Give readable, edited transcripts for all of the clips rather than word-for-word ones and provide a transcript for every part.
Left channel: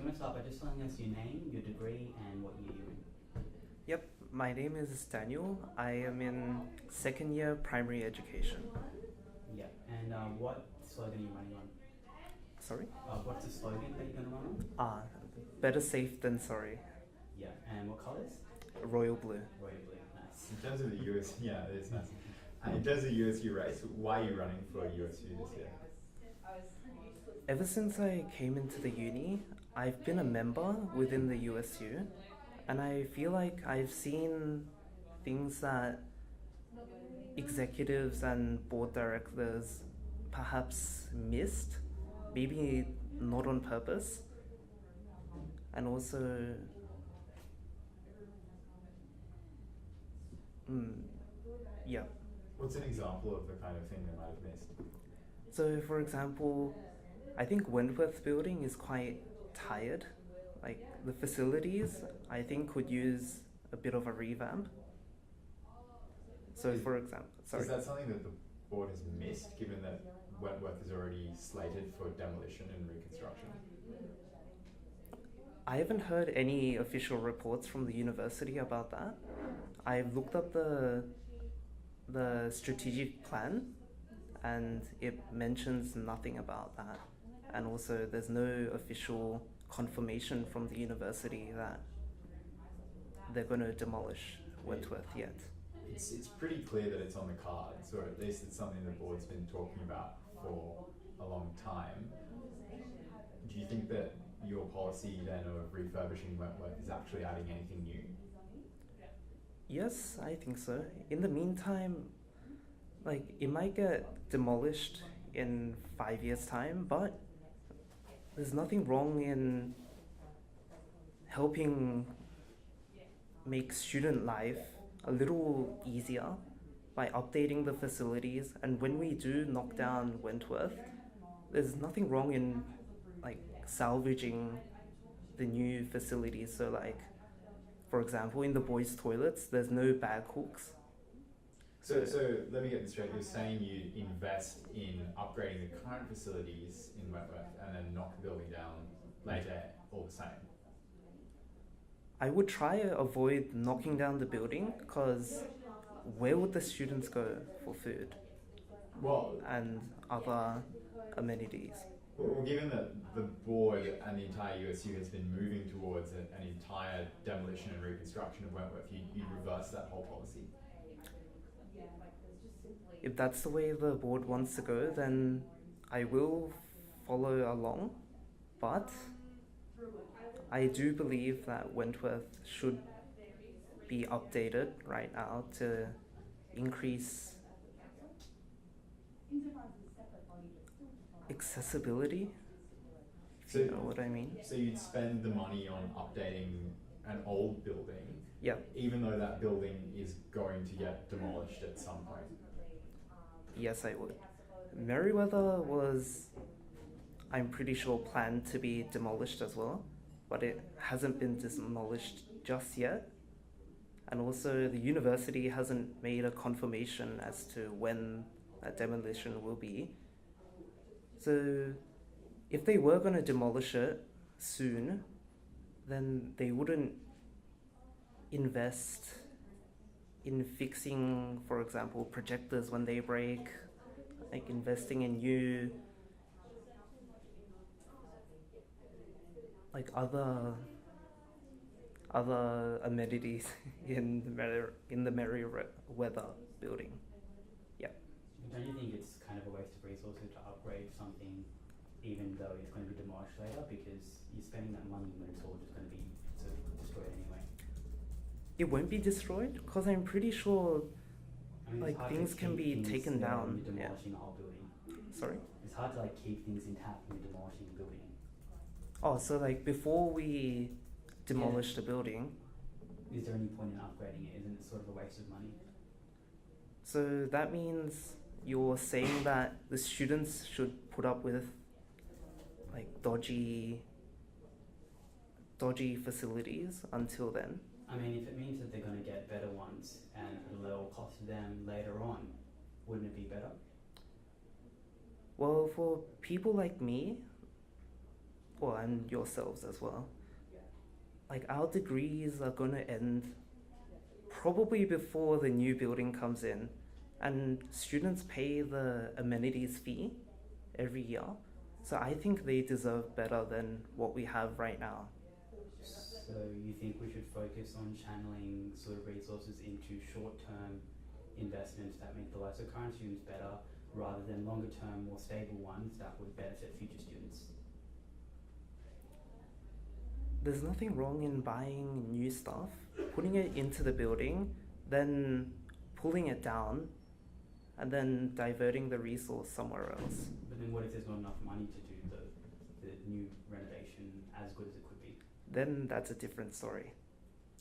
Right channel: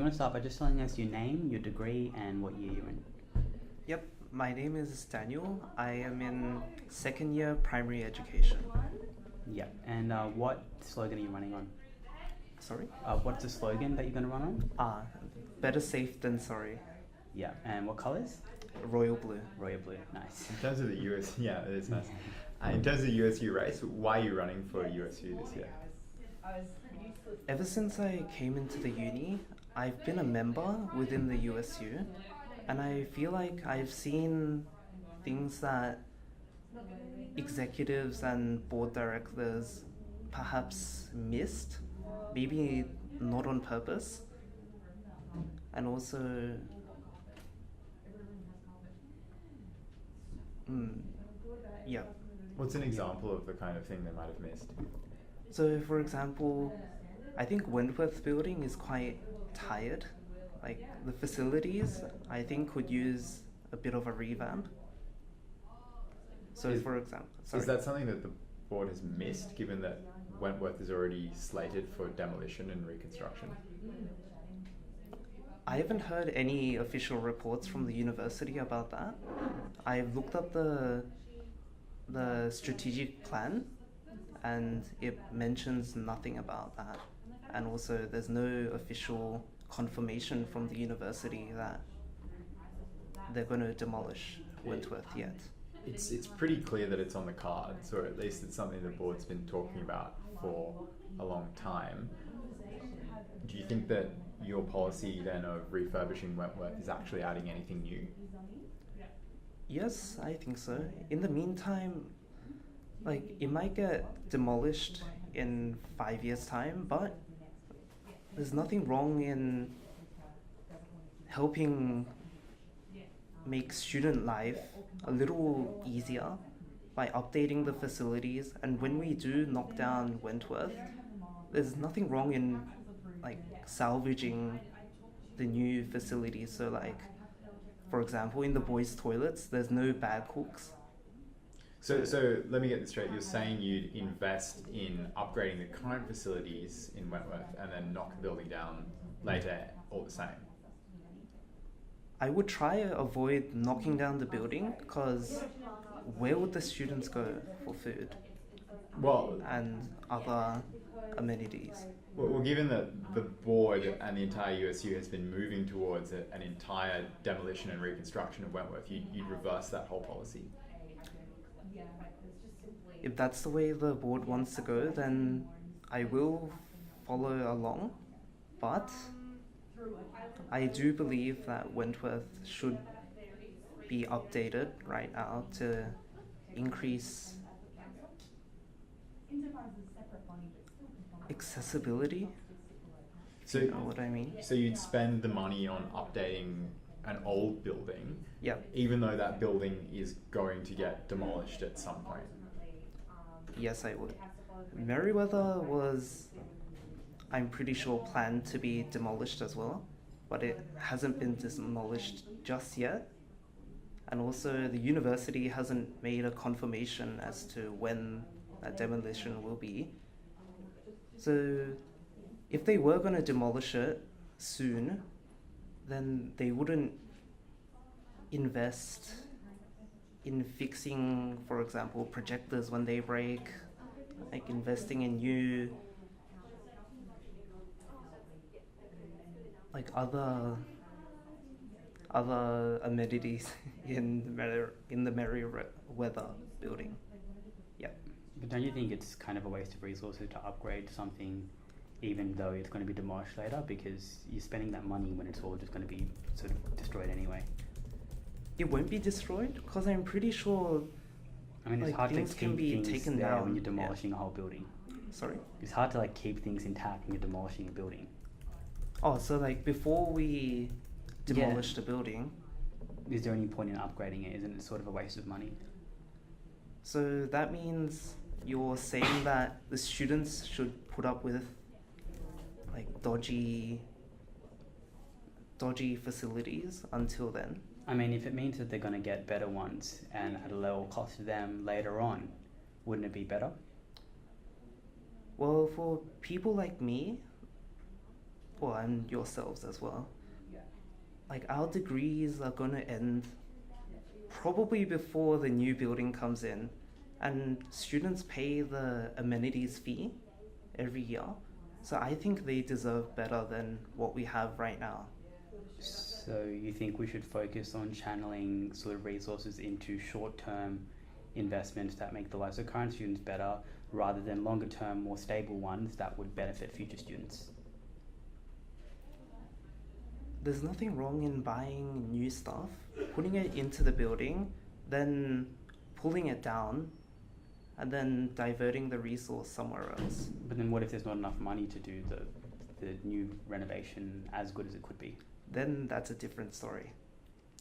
you want to start by just telling us your name, your degree, and what year you're in? Yep, my name is Daniel. I am in second year primary education. Yeah. And what slogan are you running on? Sorry? What's the slogan that you're going to run on? Ah, better safe than sorry. Yeah. And what colours? Royal blue. Royal blue. Nice. In terms of the US, yeah, it's nice. In terms of the USU race, why are you running for USU this year? Ever since I came into the uni, I've been a member within the USU, and I feel like I've seen things that executives and board directors perhaps missed, maybe not on purpose, and also yeah. What's an example of the kind of thing they might have missed? So, for example, I think Wentworth building is quite tired. Like the facilities, I think could use a bit of a revamp. So, for example, sorry. Is that something that the board has missed, given that Wentworth is already slated for demolition and reconstruction? I haven't heard any official reports from the university about that. I've looked up the strategic plan, and it mentions nothing about that. And also, there's no official confirmation from the university that they're going to demolish Wentworth yet. It's pretty clear that it's on the cards, or at least it's something the board's been talking about for a long time. Do you think that your policy then of refurbishing Wentworth is actually adding anything new? Yes, I think so. In the meantime, like it might get demolished in 5 years' time, but there's nothing wrong in helping make student life a little easier by updating the facilities. And when we do knock down Wentworth, there's nothing wrong in like salvaging the new facilities. So like, for example, in the boys' toilets, there's no bag hooks. So let me get this straight. You're saying you'd invest in upgrading the current facilities in Wentworth and then knock the building down later, all the same? I would try to avoid knocking down the building, because where would the students go for food Well, and other amenities? Well, given that the board and the entire USU has been moving towards an entire demolition and reconstruction of Wentworth, you'd reverse that whole policy. If that's the way the board wants to go, then I will follow along. But I do believe that Wentworth should be updated right now to increase accessibility. So, you know what I mean? So you'd spend the money on updating an old building, Yeah. even though that building is going to get demolished at some point. Yes, I would. Merriweather was, I'm pretty sure, planned to be demolished as well, but it hasn't been demolished just yet. And also, the university hasn't made a confirmation as to when that demolition will be. So, if they were going to demolish it soon, then they wouldn't invest in fixing, for example, projectors when they break, like investing in new, like other amenities in the Merriweather building. Yeah. But don't you think it's kind of a waste of resources to upgrade something, even though it's going to be demolished later, because you're spending that money when it's all just going to be sort of destroyed anyway? It won't be destroyed, because I'm pretty sure I mean, it's like hard things to can keep be things taken there down. when you're demolishing a whole building. Sorry? It's hard to like keep things intact when you're demolishing a building. Oh, so like before we demolish the building, Is there any point in upgrading it? Isn't it sort of a waste of money? so that means you're saying that the students should put up with like dodgy facilities until then? I mean, if it means that they're going to get better ones and at a lower cost to them later on, wouldn't it be better? Well, for people like me well, and yourselves as well. Like, our degrees are going to end probably before the new building comes in, and students pay the amenities fee every year. So I think they deserve better than what we have right now. So you think we should focus on channeling sort of resources into short-term investments that make the lives of current students better, rather than longer-term, more stable ones that would benefit future students? There's nothing wrong in buying new stuff, putting it into the building, then pulling it down, and then diverting the resource somewhere else. But then what if there's not enough money to do the new renovation as good as it could be? Then that's a different story.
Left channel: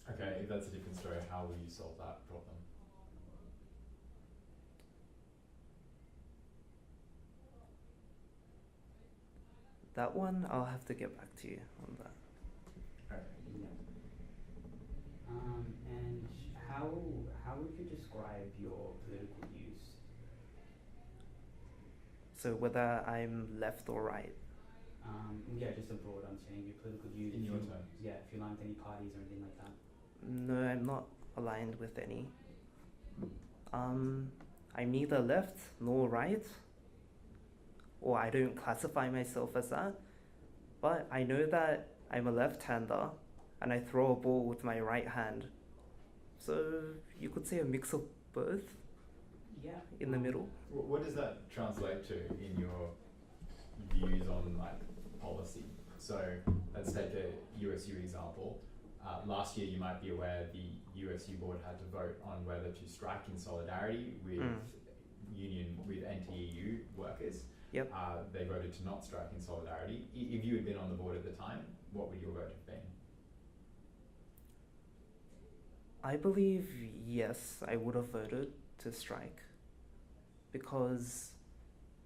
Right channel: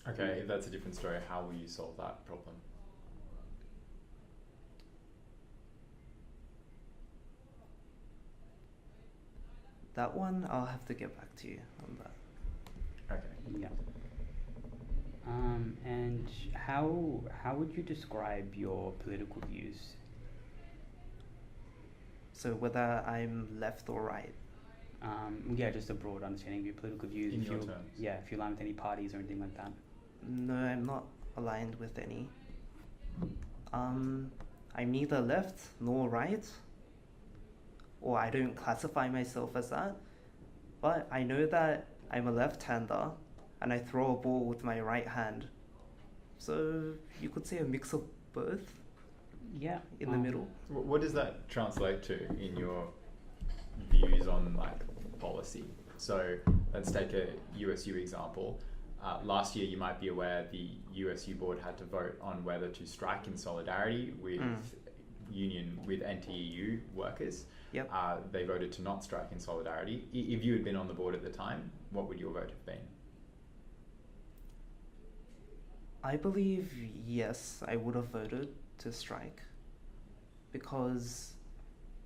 Okay, if that's a different story, how will you solve that problem? That one, I'll have to get back to you on that. Okay. Yeah. And how would you describe your political views? So whether I'm left or right. Yeah, just a broad understanding of your political views. In if your you, terms. yeah, if you align with any parties or anything like that. No, I'm not aligned with any. I'm neither left nor right, or I don't classify myself as that, but I know that I'm a left-hander and I throw a ball with my right hand. So you could say a mix of both. Yeah. In the middle. What does that translate to in your views on like policy? So let's take a USU example. Last year, you might be aware the USU board had to vote on whether to strike in solidarity with with NTEU workers. Yep. They voted to not strike in solidarity. If you had been on the board at the time, what would your vote have been? I believe yes, I would have voted to strike, because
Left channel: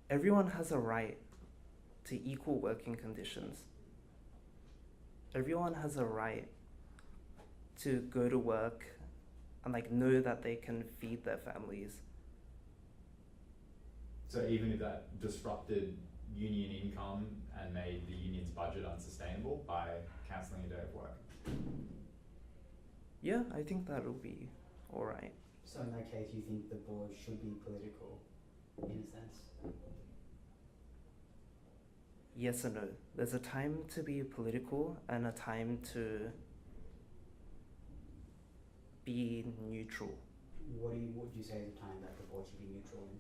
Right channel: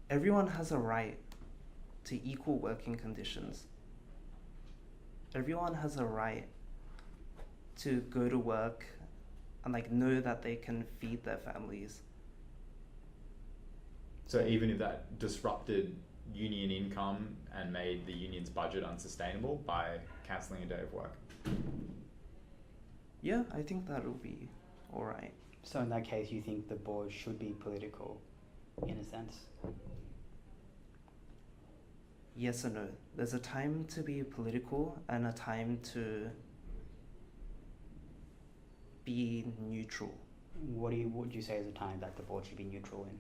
everyone has a right to equal working conditions. Everyone has a right to go to work and like know that they can feed their families. So even if that disrupted union income and made the union's budget unsustainable by cancelling a day of work? Yeah, I think that'll be alright. So in that case, you think the board should be political, in a sense? Yes and no. There's a time to be political and a time to be neutral. What would you say is a time that the board should be neutral in?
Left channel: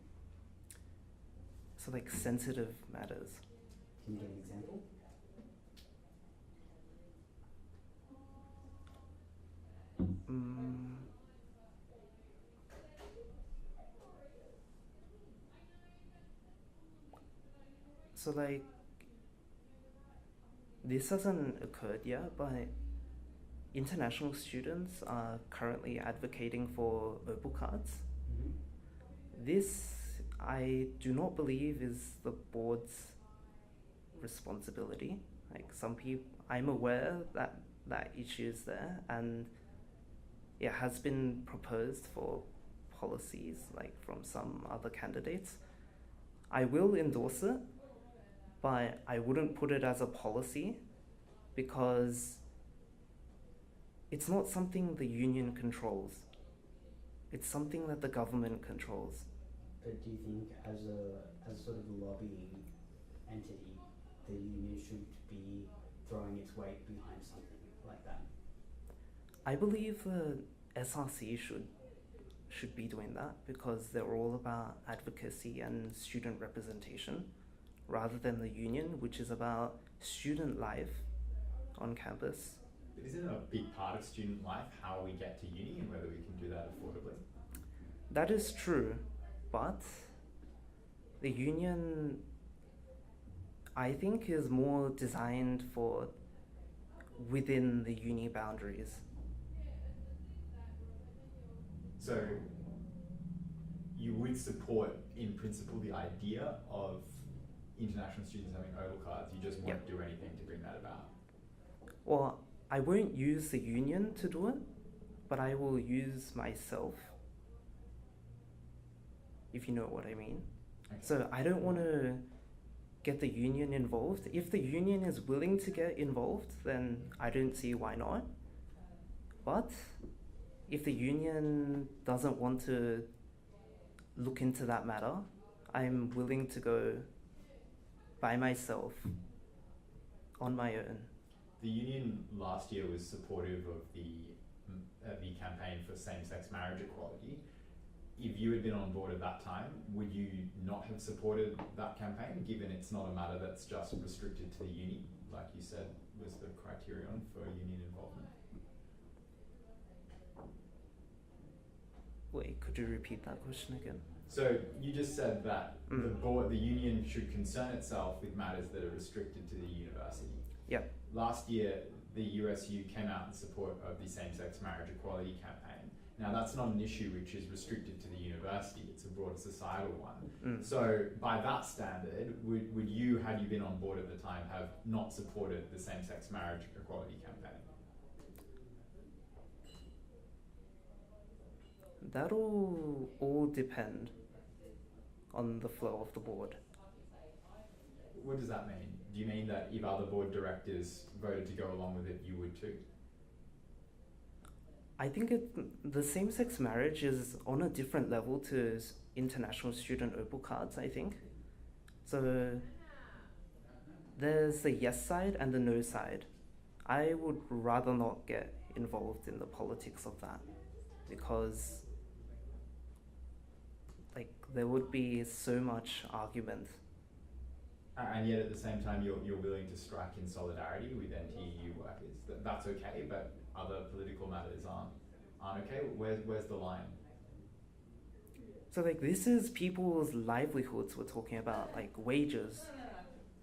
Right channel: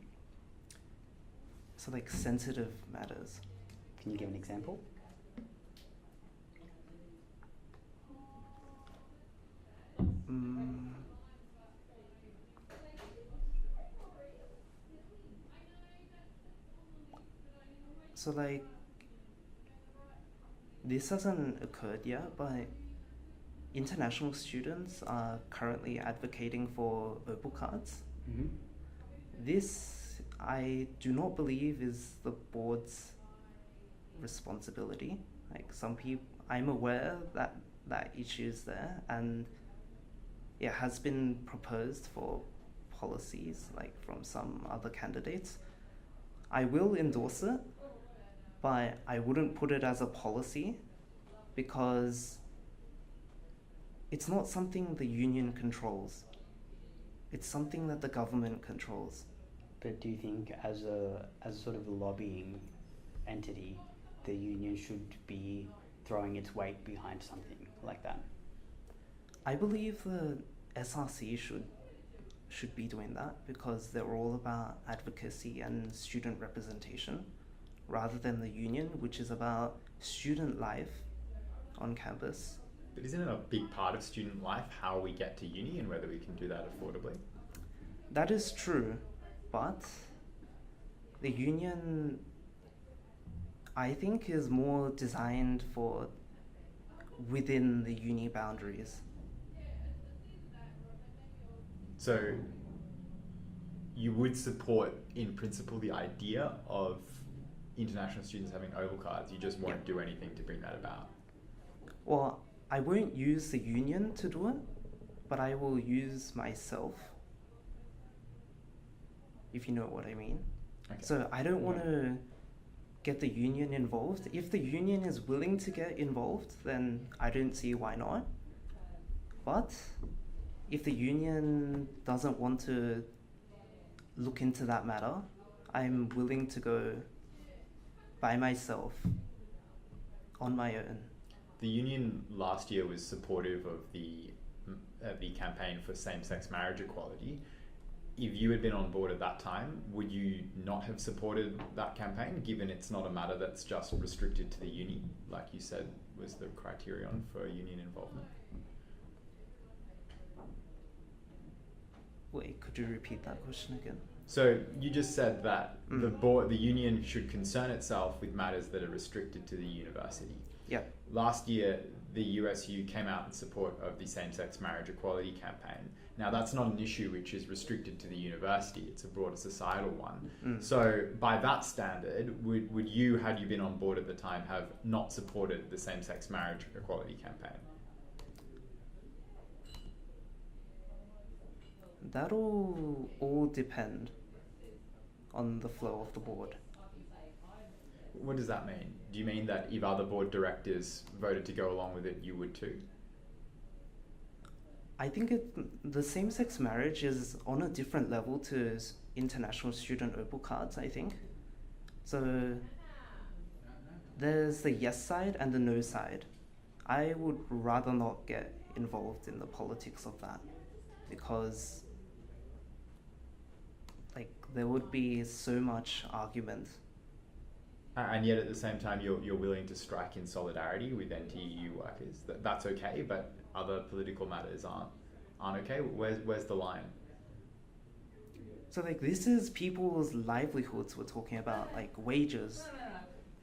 So like sensitive matters. Can you give an example? So like, this hasn't occurred yet, but international students are currently advocating for Opal cards. Mm-hmm. This, I do not believe, is the board's responsibility. Like, some people, I'm aware that that issue is there, and it has been proposed for policies, like from some other candidates. I will endorse it, but I wouldn't put it as a policy, because it's not something the union controls. It's something that the government controls. But do you think as a sort of lobbying entity, the union should be throwing its weight behind something like that? I believe the SRC should be doing that, because they're all about advocacy and student representation, rather than the union, which is about student life on campus. But isn't it a big part of student life how we get to uni and whether we can do that affordably? That is true, but the union, I think, is more designed for within the uni boundaries. So you would support, in principle, the idea of international students having Opal cards, you just won't do anything to bring that about? Well, I won't use the union to do it, but I will use myself, if you know what I mean. Okay. So I don't want to get the union involved. If the union is willing to get involved, then I don't see why not. But if the union doesn't want to look into that matter, I'm willing to go by myself on my own. The union last year was supportive of the campaign for same-sex marriage equality. If you had been on board at that time, would you not have supported that campaign, given it's not a matter that's just restricted to the uni, like you said was the criterion for union involvement? Wait, could you repeat that question again? So you just said that the union should concern itself with matters that are restricted to the university. Yeah. Last year, the USU came out in support of the same-sex marriage equality campaign. Now, that's not an issue which is restricted to the university, it's a broader societal one. So by that standard, would you, had you been on board at the time, have not supported the same-sex marriage equality campaign? That'll all depend on the flow of the board. What does that mean? Do you mean that if other board directors voted to go along with it, you would too? I think the same-sex marriage is on a different level to international student Opal cards, I think. So there's the yes side and the no side. I would rather not get involved in the politics of that because there would be so much argument. And yet at the same time, you're willing to strike in solidarity with anti-EU workers. That's okay, but other political matters aren't okay. Where's the line? So this is people's livelihoods we're talking about, wages.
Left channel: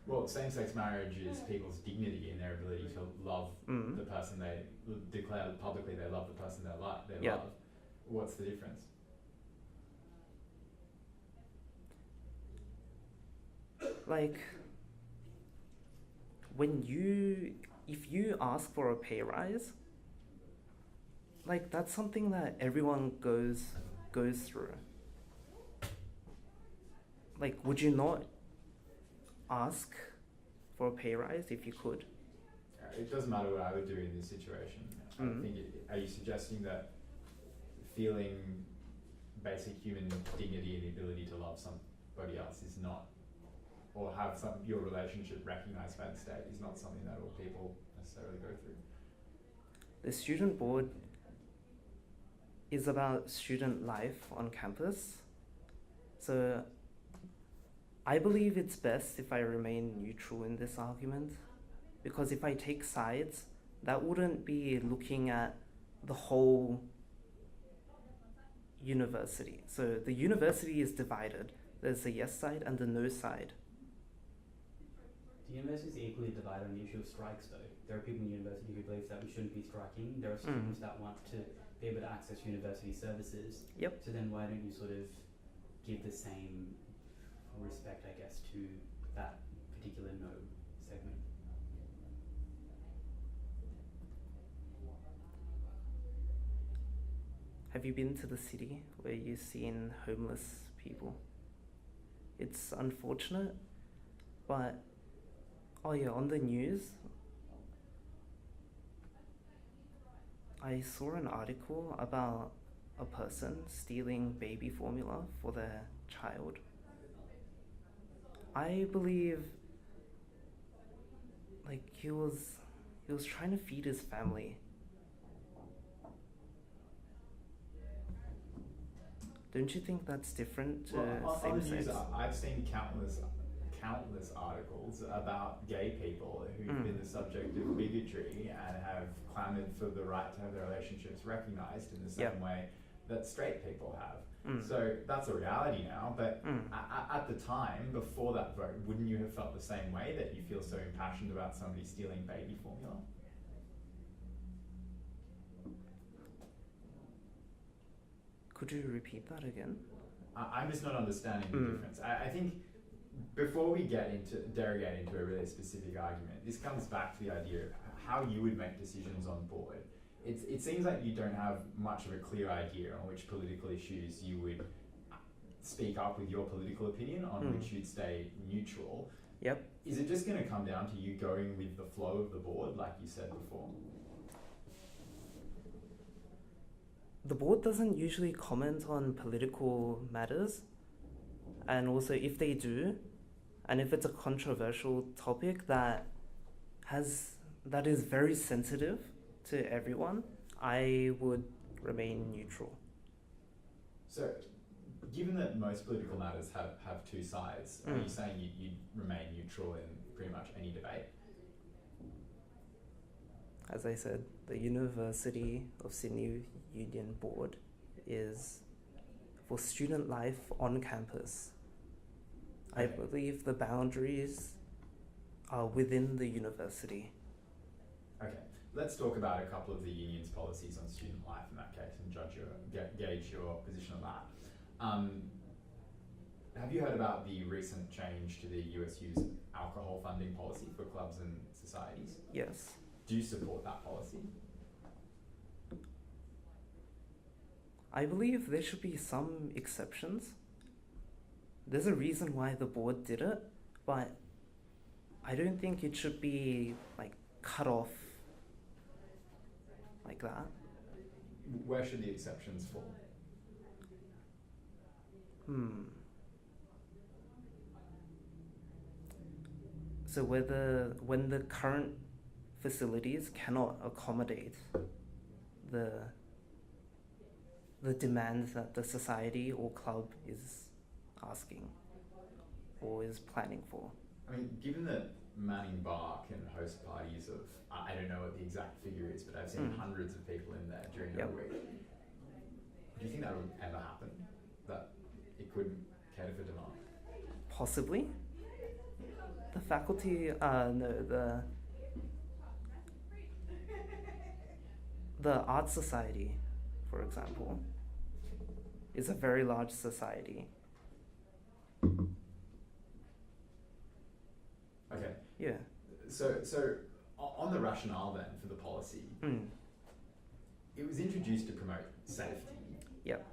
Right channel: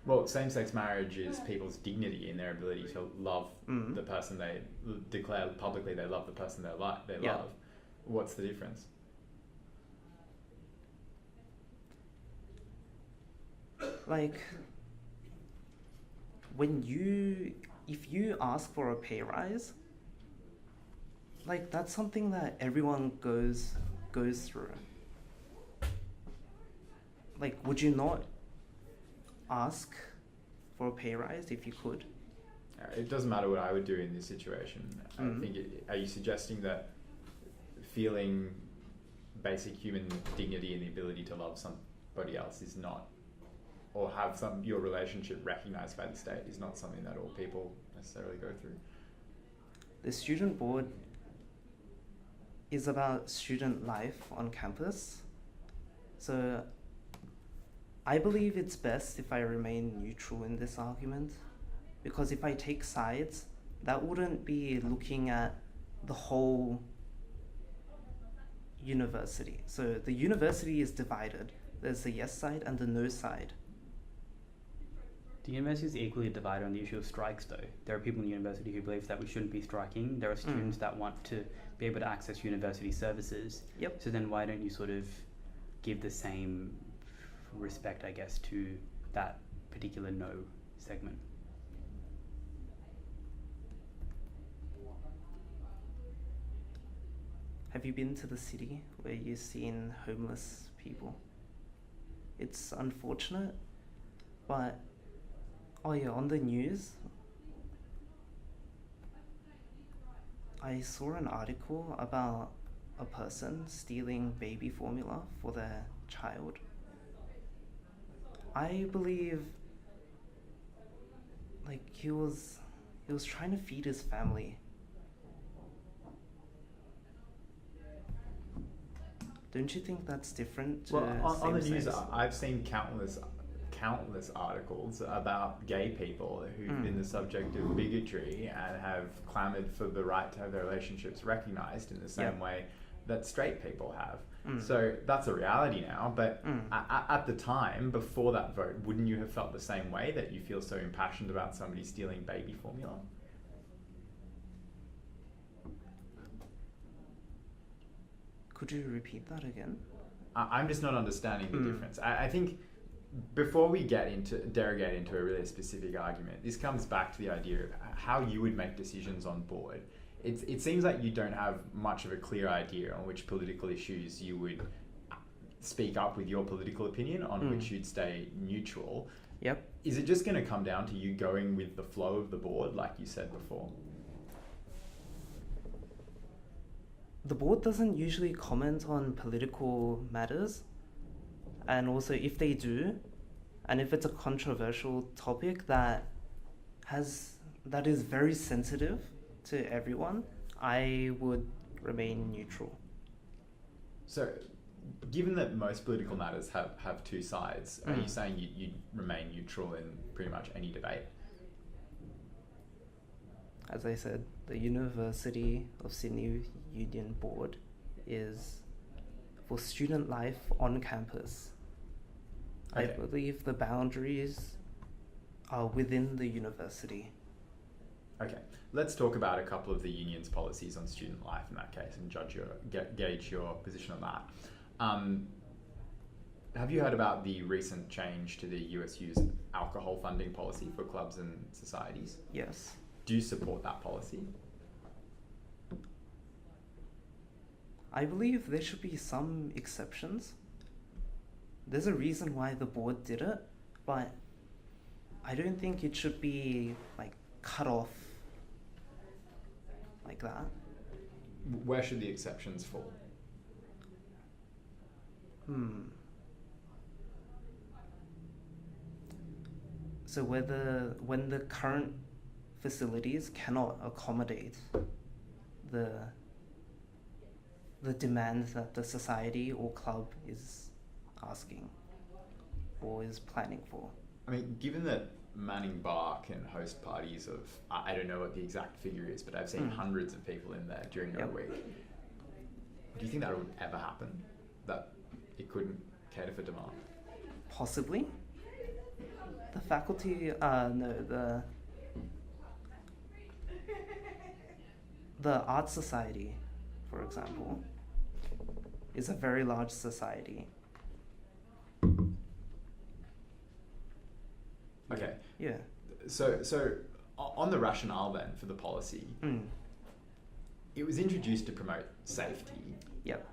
Well, same-sex marriage is people's dignity and their ability to love the person they declare publicly they love the person they love. What's the difference? If you ask for a pay rise, that's something that everyone goes through. Would you not ask for a pay rise if you could? It doesn't matter what I would do in this situation. I think are you suggesting that feeling basic human dignity and the ability to love somebody else is not, or have your relationship recognised by the state is not something that all people necessarily go through? The student board is about student life on campus. So I believe it's best if I remain neutral in this argument, because if I take sides, that wouldn't be looking at the whole university. So the university is divided. There's the yes side and the no side. The university is equally divided on the issue of strikes, though. There are people in the university who believe that we shouldn't be striking. There are students that want to be able to access university services. Yep. So then why don't you sort of give the same respect, I guess, to that particular no segment? Have you been to the city where you've seen homeless people? It's unfortunate, but on the news, I saw an article about a person stealing baby formula for their child. I believe he was trying to feed his family. Don't you think that's different to on the news, same-sex? I've seen countless articles about gay people who've been the subject of bigotry and have clamoured for the right to have their relationships recognised in the same way that straight people have. So that's a reality now, but at the time, before that vote, wouldn't you have felt the same way, that you feel so impassioned about somebody stealing baby formula? Could you repeat that again? I'm just not understanding the difference. I think before we derogate into a really specific argument, this comes back to the idea of how you would make decisions on board. It seems like you don't have much of a clear idea on which political issues you would speak up with your political opinion, on which you'd stay neutral. Yep. Is it just going to come down to you going with the flow of the board, like you said before? The board doesn't usually comment on political matters, and also if they do, and if it's a controversial topic that is very sensitive to everyone, I would remain neutral. So, given that most political matters have two sides, are you saying you remain neutral in pretty much any debate? As I said, the University of Sydney Union Board is for student life on campus. Okay. I believe the boundaries are within the university. Okay, let's talk about a couple of the union's policies on student life in that case and gauge your position on that. Have you heard about the recent change to the USU's alcohol funding policy for clubs and societies? Yes. Do you support that policy? I believe there should be some exceptions. There's a reason why the board did it, but I don't think it should be like cut off like that. Where should the exceptions fall? So when the current facilities cannot accommodate the demands that the society or club is asking or is planning for. I mean, given that Manning Bar can host parties of, I don't know what the exact figure is, but I've seen hundreds of people in there during a week. Do you think that would ever happen? That it couldn't cater for demand? Possibly. The faculty, the art society, for example, is a very large society. Okay. Yeah. So on the rationale then for the policy, it was introduced to promote safety. Yep.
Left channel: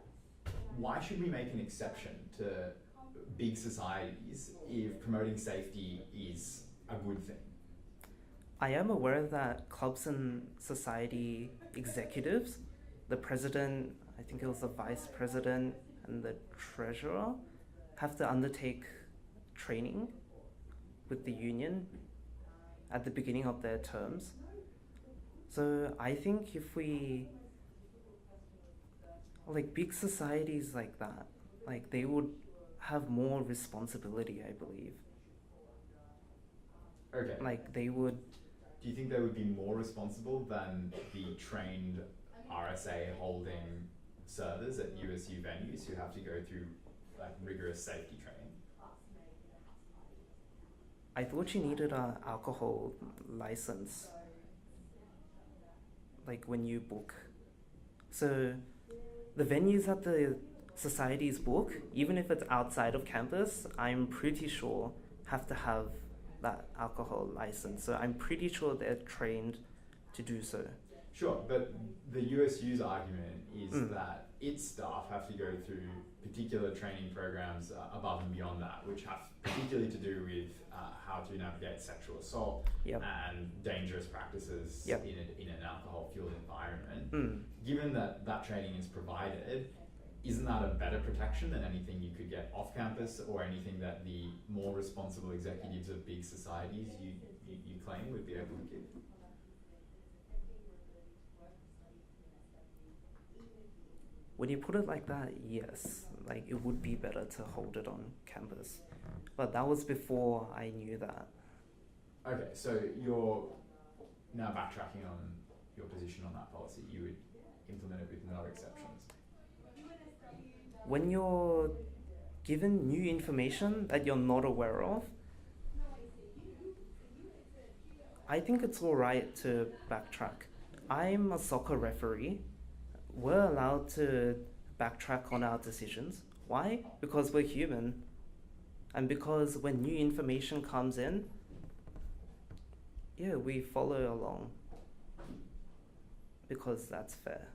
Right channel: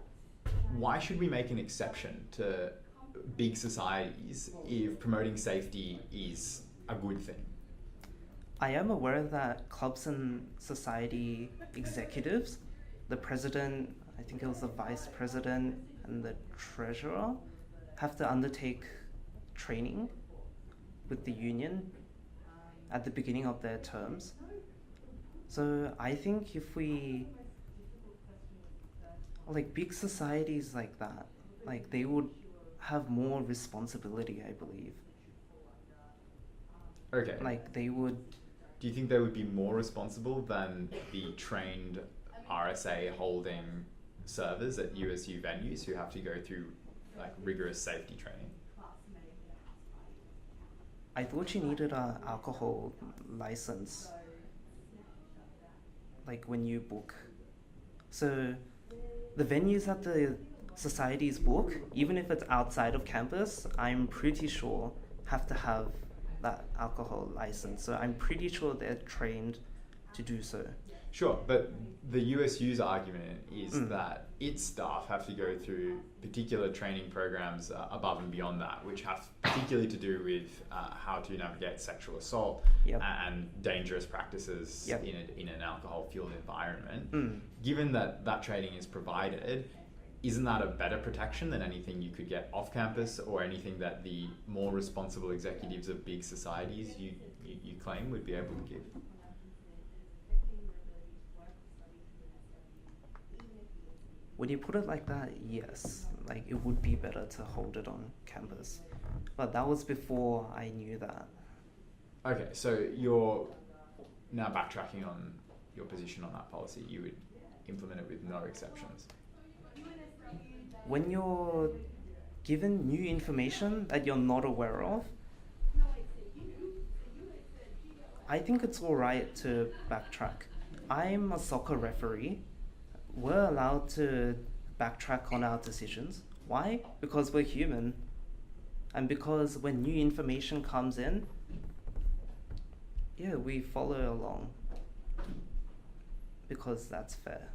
Why should we make an exception to big societies if promoting safety is a good thing? I am aware that clubs and society executives, the president, I think it was the vice president and the treasurer, have to undertake training with the union at the beginning of their terms. So I think if we, like big societies like that, like they would have more responsibility, I believe. Okay. Like they would. Do you think they would be more responsible than the trained RSA holding servers at USU venues who have to go through like rigorous safety training? I thought you needed an alcohol license, like when you book. So the venues that the societies book, even if it's outside of campus, I'm pretty sure have to have that alcohol license. So I'm pretty sure they're trained to do so. Sure, but the USU's argument is that its staff have to go through particular training programs above and beyond that, which have particularly to do with how to navigate sexual assault and dangerous practices in an alcohol-fueled environment. Given that that training is provided, isn't that a better protection than anything you could get off campus or anything that the more responsible executives of big societies you claim would be able to give? When you put it like that, yes, like it would be better to hold it on campus. But that was before I knew that. Okay, so you're now backtracking on your position on that policy. You would implement it with no exceptions. When you're given new information that you're not aware of, I think it's alright to backtrack. I'm a soccer referee. We're allowed to backtrack on our decisions. Why? Because we're human. And because when new information comes in, we follow along. Because that's fair.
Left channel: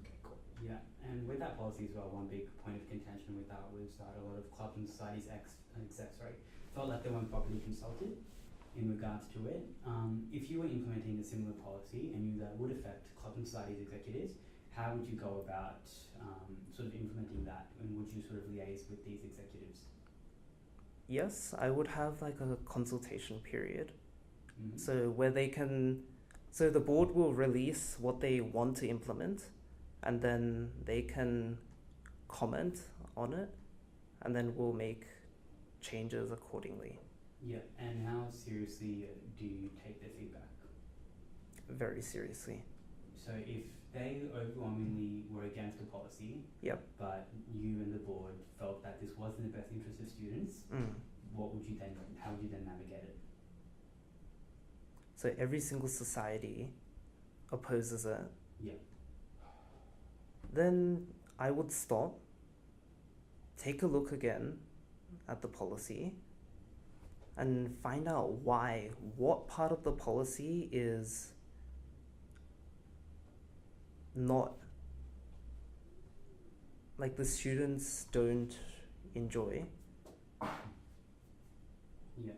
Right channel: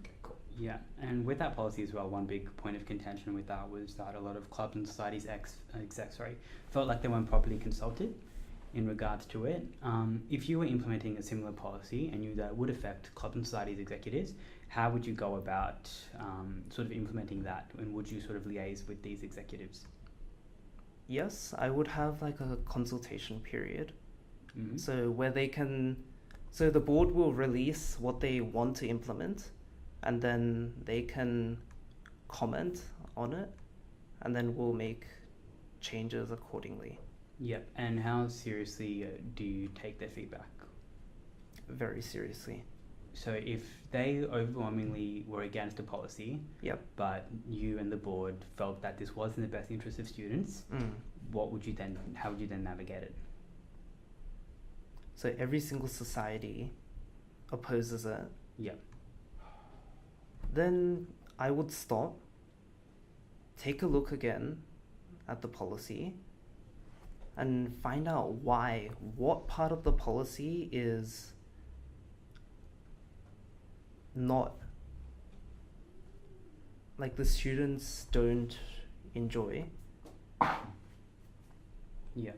Okay, cool. Yeah, and with that policy as well, one big point of contention with that was that a lot of clubs and societies execs felt like they weren't properly consulted in regards to it. If you were implementing a similar policy and knew that would affect club and societies executives, how would you go about sort of implementing that, and would you sort of liaise with these executives? Yes, I would have like a consultation period. Mm-hmm. So the board will release what they want to implement, and then they can comment on it, and then we'll make changes accordingly. Yeah, and how seriously do you take their feedback? Very seriously. So if they overwhelmingly were against a policy, Yep. but you and the board felt that this was in the best interest of students, how would you then navigate it? So every single society opposes it. Yeah. Then I would stop, take a look again at the policy, and find out what part of the policy is not, like, the students don't enjoy. Yeah.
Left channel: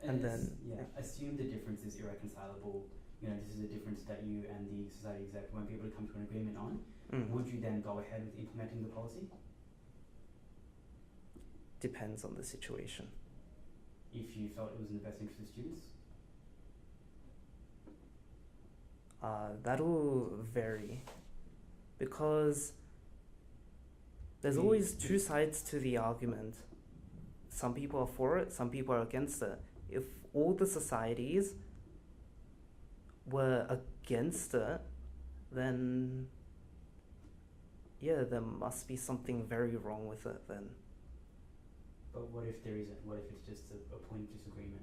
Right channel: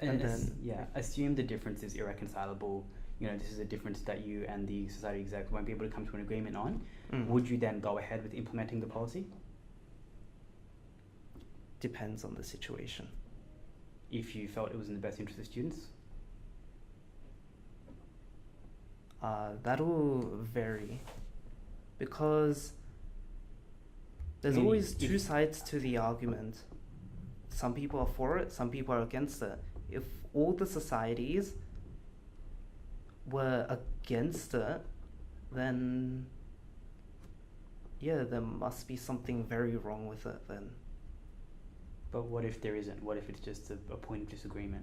And then assume the difference is irreconcilable. You know, this is a difference that you and the society exec won't be able to come to an agreement on. Would you then go ahead with implementing the policy? Depends on the situation. If you felt it was in the best interest of students? That'll vary, because there's always two sides to the argument. Some people are for it, some people are against it. If all the societies were against it, then yeah, there must be something very wrong with it then. But what if there isn't? What if it's just a point of disagreement?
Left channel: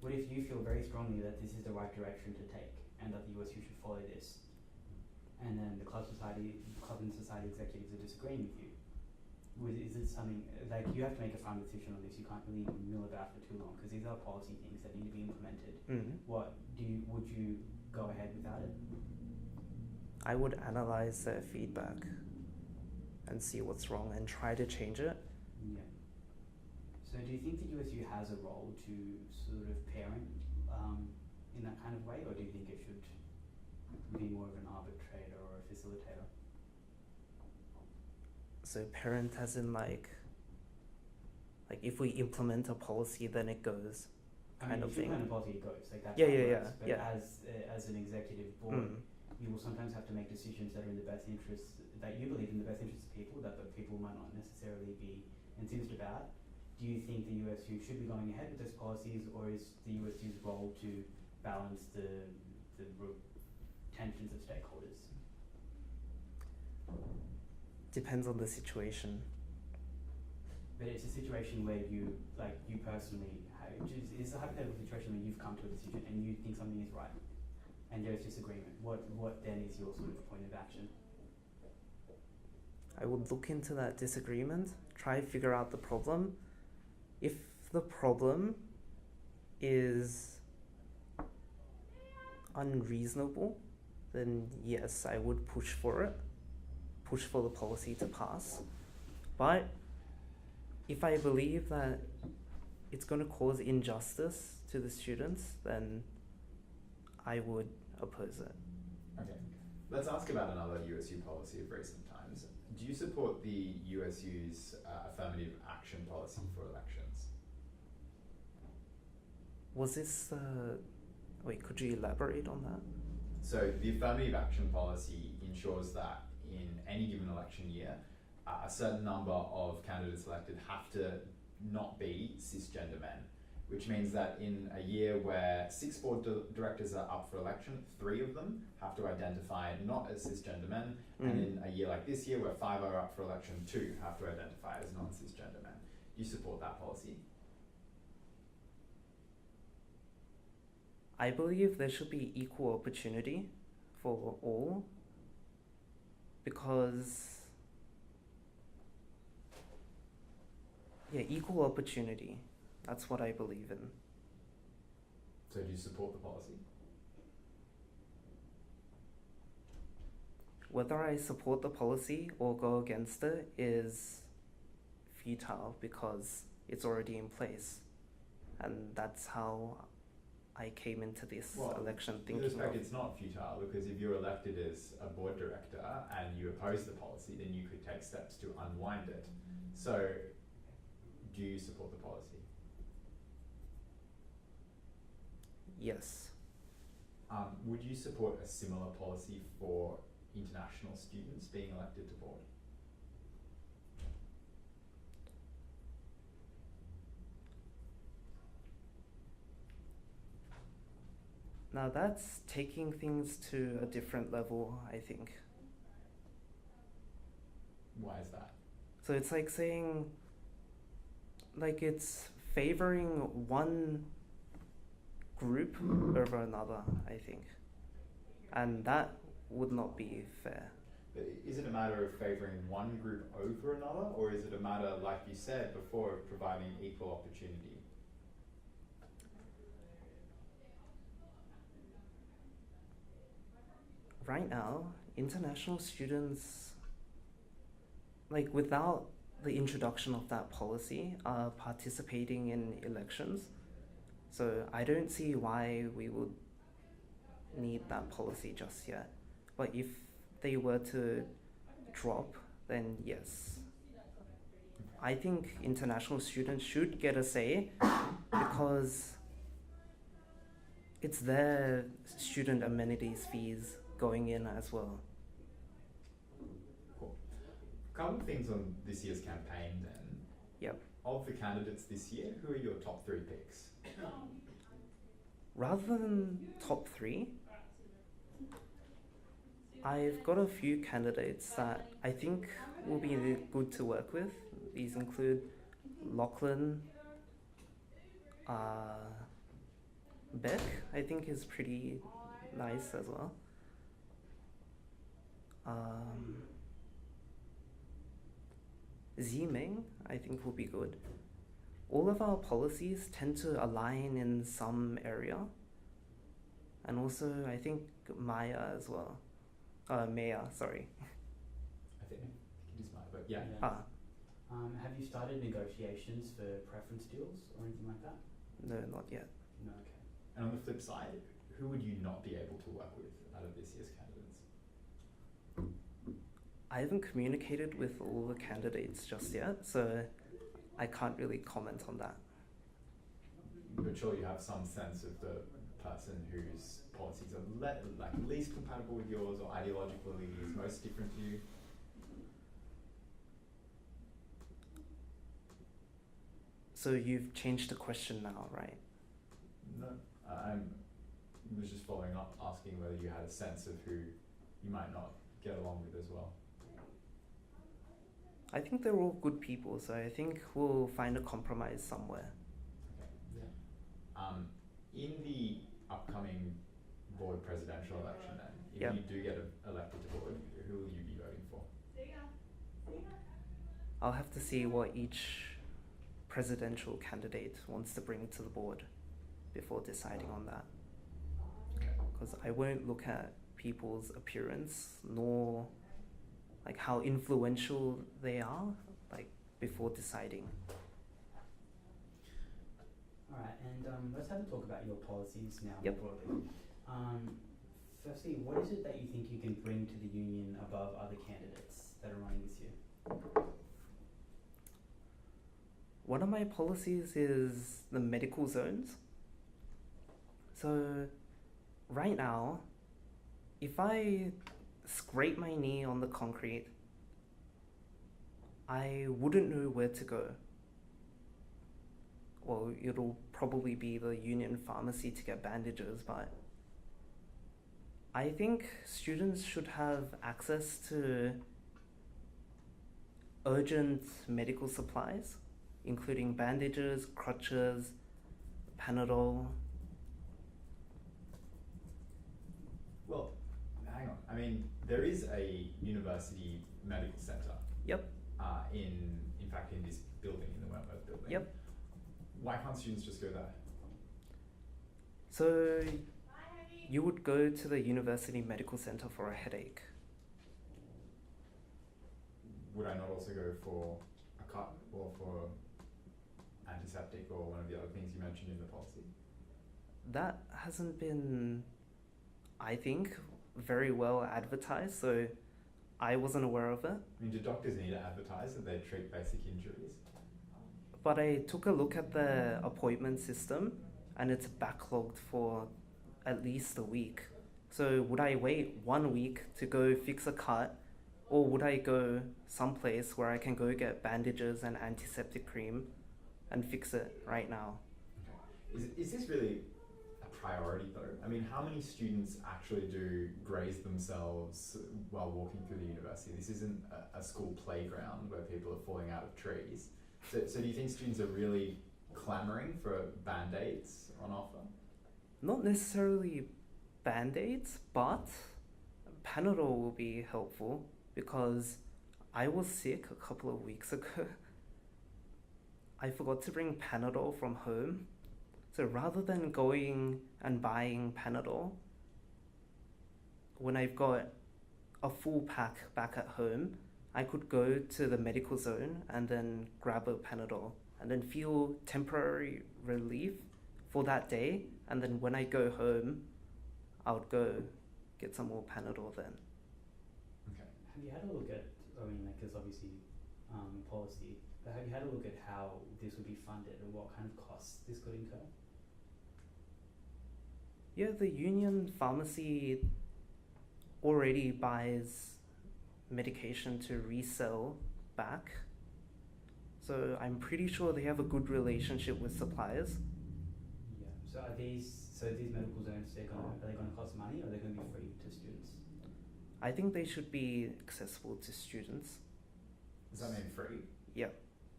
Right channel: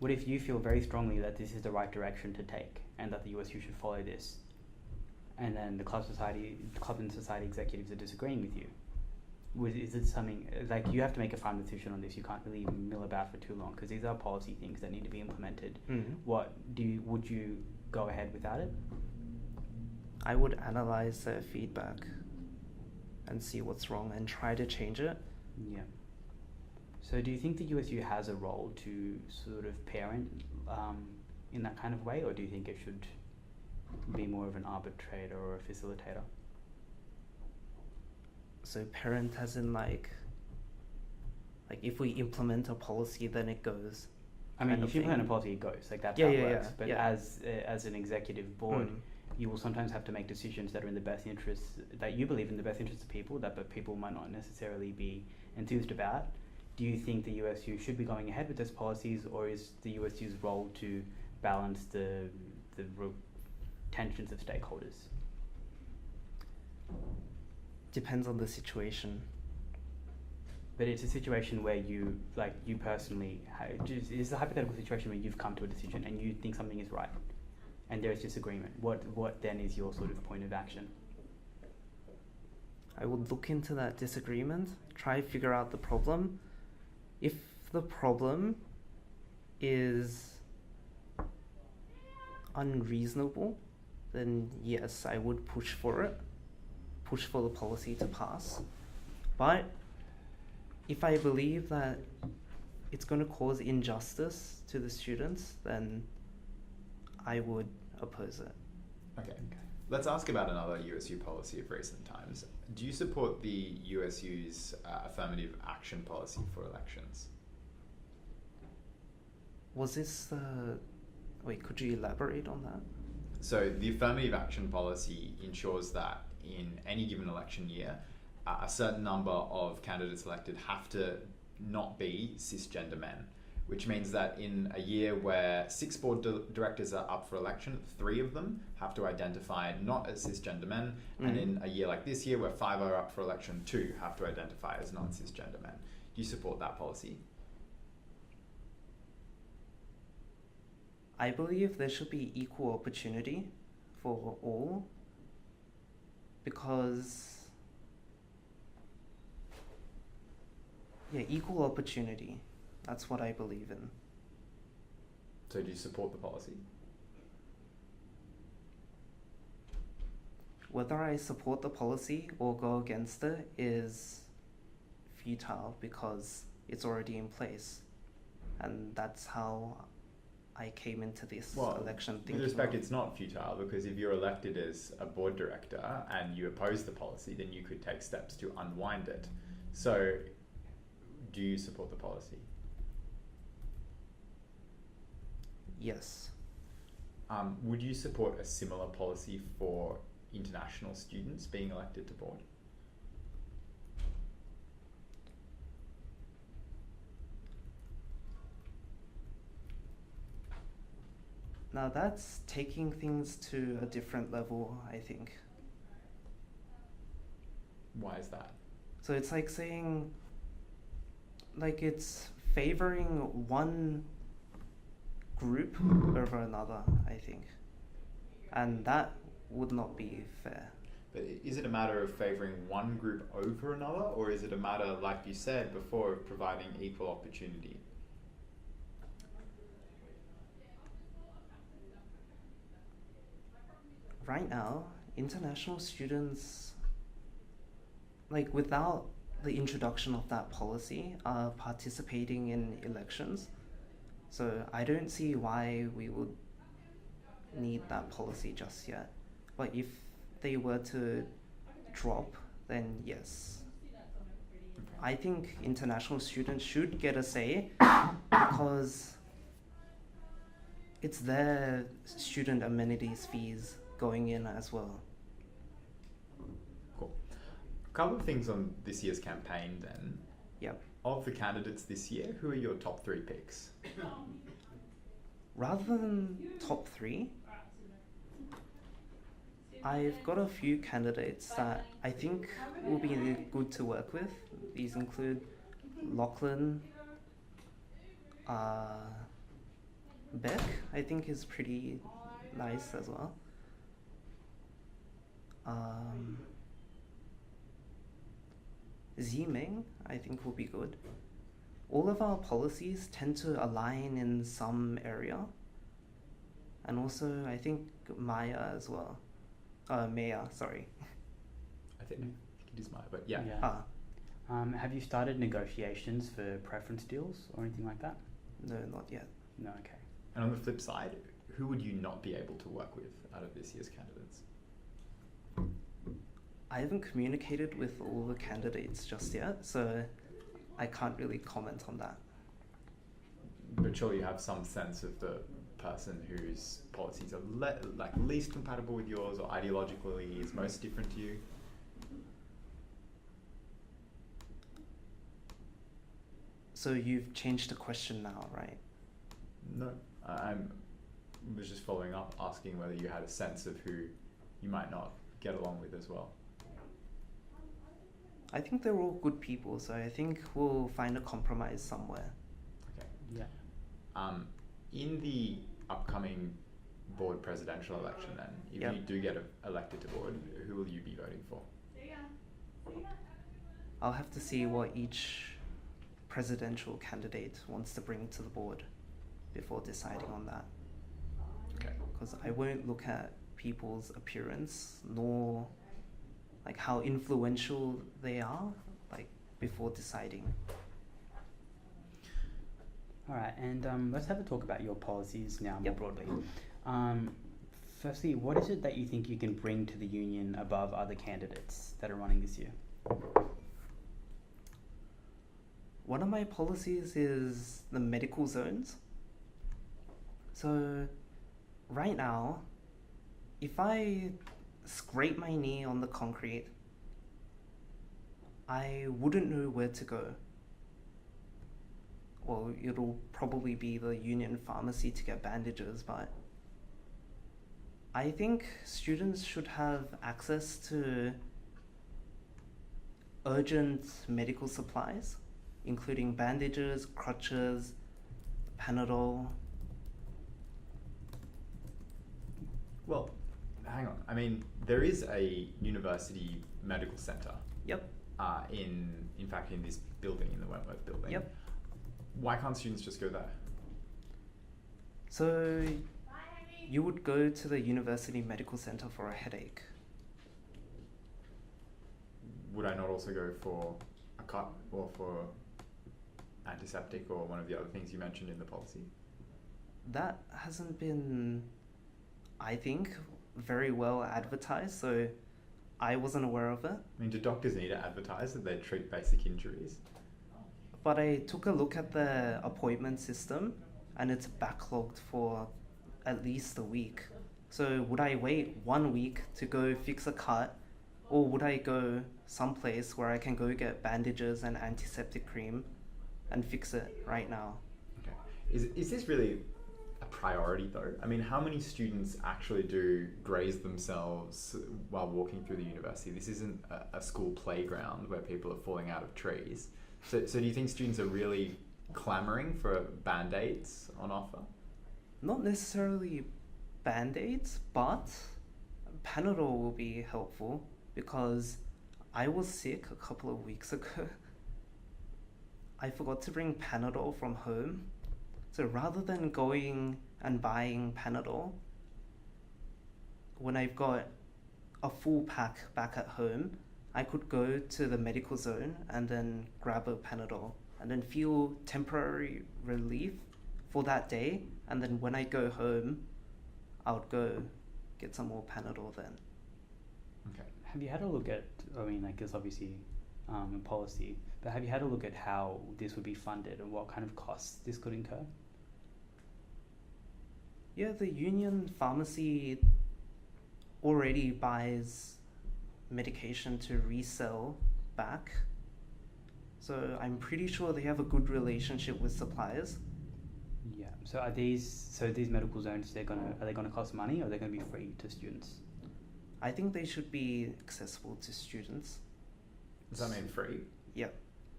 What if you feel very strongly that this is the right direction to take and that the USU should follow this, and then the club and society executives are disagreeing with you? Is it something, like, you have to make a final decision on this? You can't really mill about for too long, because these are policy things that need to be implemented. Would you go ahead without it? I would analyze their feedback and see what's wrong and try to change it. Yeah. So do you think the USU has a role to sort of parent in that kind of way, or do you think it should be more of an arbitrator or a facilitator? So parent as in like if we implement a policy, then it goes. I mean, if you implement a policy, it goes. Like, that's how it works. But yeah. As an executive board, you will sometimes have to make decisions that are in the best interests, that you believe in the best interests of people, but people might not necessarily be enthused about. Do you think the USU should be going ahead with those policies, or is the USU's role to balance the tensions of stakeholders? Depends on the situation. But it's a situation where you personally, it's a hypothetical situation where you've come to a decision and you think something is right, and there is disagreement. What then is your sort of point of action? I would look into that disagreement, try to figure out the problem. If the problem is unreasonable, then yes, I would push for the policy to pass. But if I believe that it's going to cause injustice to the students, then I would oppose it. Okay. Let's ask about another USU policy of recent times. Do you support the USU's affirmative action policy for elections? Was this the... Wait, could you elaborate on that? So the affirmative action policy ensures that in any given election year, a certain number of candidates elected have to not be cisgender men, which means that in a year where 6 board directors are up for election, 3 of them have to identify not as cisgender men, and in a year like this year where 5 are up for election, 2 have to identify as non-cisgender men. Do you support that policy? I believe there should be equal opportunity for all, because equal opportunity, that's what I believe in. So do you support the policy? whether I support the policy or go against it is futile because it's already in place. And that's how I came into this election thinking. With respect, it's not futile because if you're elected as a board director and you oppose the policy, then you could take steps to unwind it. So, do you support the policy? Yes. Would you support a similar policy for international students being elected to board? Now that's taking things to a different level, I think. Why is that? So it's like saying, like it's favoring one group over another, I think. And that would not be fair. But is it a matter of favouring one group over another, or is it a matter, like you said before, of providing equal opportunity? Right now, international students, like without the introduction of that policy, are participating in elections. So I don't see why we would need that policy just yet. But if they were to drop, then yes. I think international students should get a say because it's their student amenities fees going in as well. Cool. A couple of things on this year's campaign then. Yep. Of the candidates this year, who are your top 3 picks? Rather than top 3, I've got a few candidates that I think will be good to work with. These include Lachlan, Beck, I think is pretty nice as well. Ziming, I think will be good. All of our policies tend to align in some area. And also, I think Maya as well. Maya, sorry. I think it is Maya, but yeah. Have you started negotiations for preference deals or anything like that? No, not yet. No, okay. And on the flip side, who would you not be able to work with out of this year's candidates? I haven't communicated with all the candidates just yet, so I can't really comment on that. But surely you have some sense of the person whose policies are least compatible with yours or ideologically is most different to you? So you've changed the question now, right? No, I was just following up, asking whether you had a sense of who you might not get along with as well. I think they're all good people, so I think we'll find a compromise somewhere. Okay. Yeah. In the upcoming board presidential election then, if you do get elected to board, who will you be voting for? I'll have to see what each presidential candidate wants to bring to the board before deciding on that. Okay. Because I won't look at people's appearance nor like how influential they are, like before deciding. All right, and let's have a talk about your policies now more broadly. Firstly, what is it that you think you can bring to the union above other candidates that are running this year? One of my policies is the medical zones. So right now, if I scrape my knee on the concrete, I wouldn't know where to go. Well, it'll probably be the union pharmacy to get bandages, but I think students should have access to urgent medical supplies, including bandages, crutches, Panadol. Well, hang on. I mean, there is a university medical centre. Yep. In fact, in this building, in the Wentworth building. Yep. Why can't students just go there? So you would go to the university medical centre for a headache. would I not also go for a cut or for antiseptic or one of the other things you mentioned in the policy? That hasn't been, I think, very well advertised, so I wasn't aware of it. I mean, do doctors need to advertise that they treat basic injuries? But I took a look at the appointment system and it's backlogged for at least a week. So would I wait 1 week to go fix a cut, or would I go someplace where I can go get bandages and antiseptic cream and fix it right now? Okay. Is this really a priority though? I mean, how many students actually do graze themselves while walking through the university? This isn't a school playground where people are falling out of trees. So do you think students are really clamouring for band-aids on offer? Not necessarily band-aids, but Panadol will be helpful because I was sick a couple of weeks ago. I forgot to bring Panadol from home. So rather than going and buying Panadol, when I've got a full pack back at home, I could go to the medical zone and then grab a Panadol and then feel temporary relief for that day. And then when I go home, I would go get some more Panadol then. Okay. Have you had a look at, I mean, like, it's obviously a policy, but have you had a look at how this would be funded and what kind of costs this could incur? Yeah, the union pharmacy already buys medication to resell back. So I'm pretty sure they have a good relationship with suppliers. Yeah. So these medical zones, are they gonna cost money, or are they gonna be free to students? I think they should be accessible to students. Does that mean free? Yep.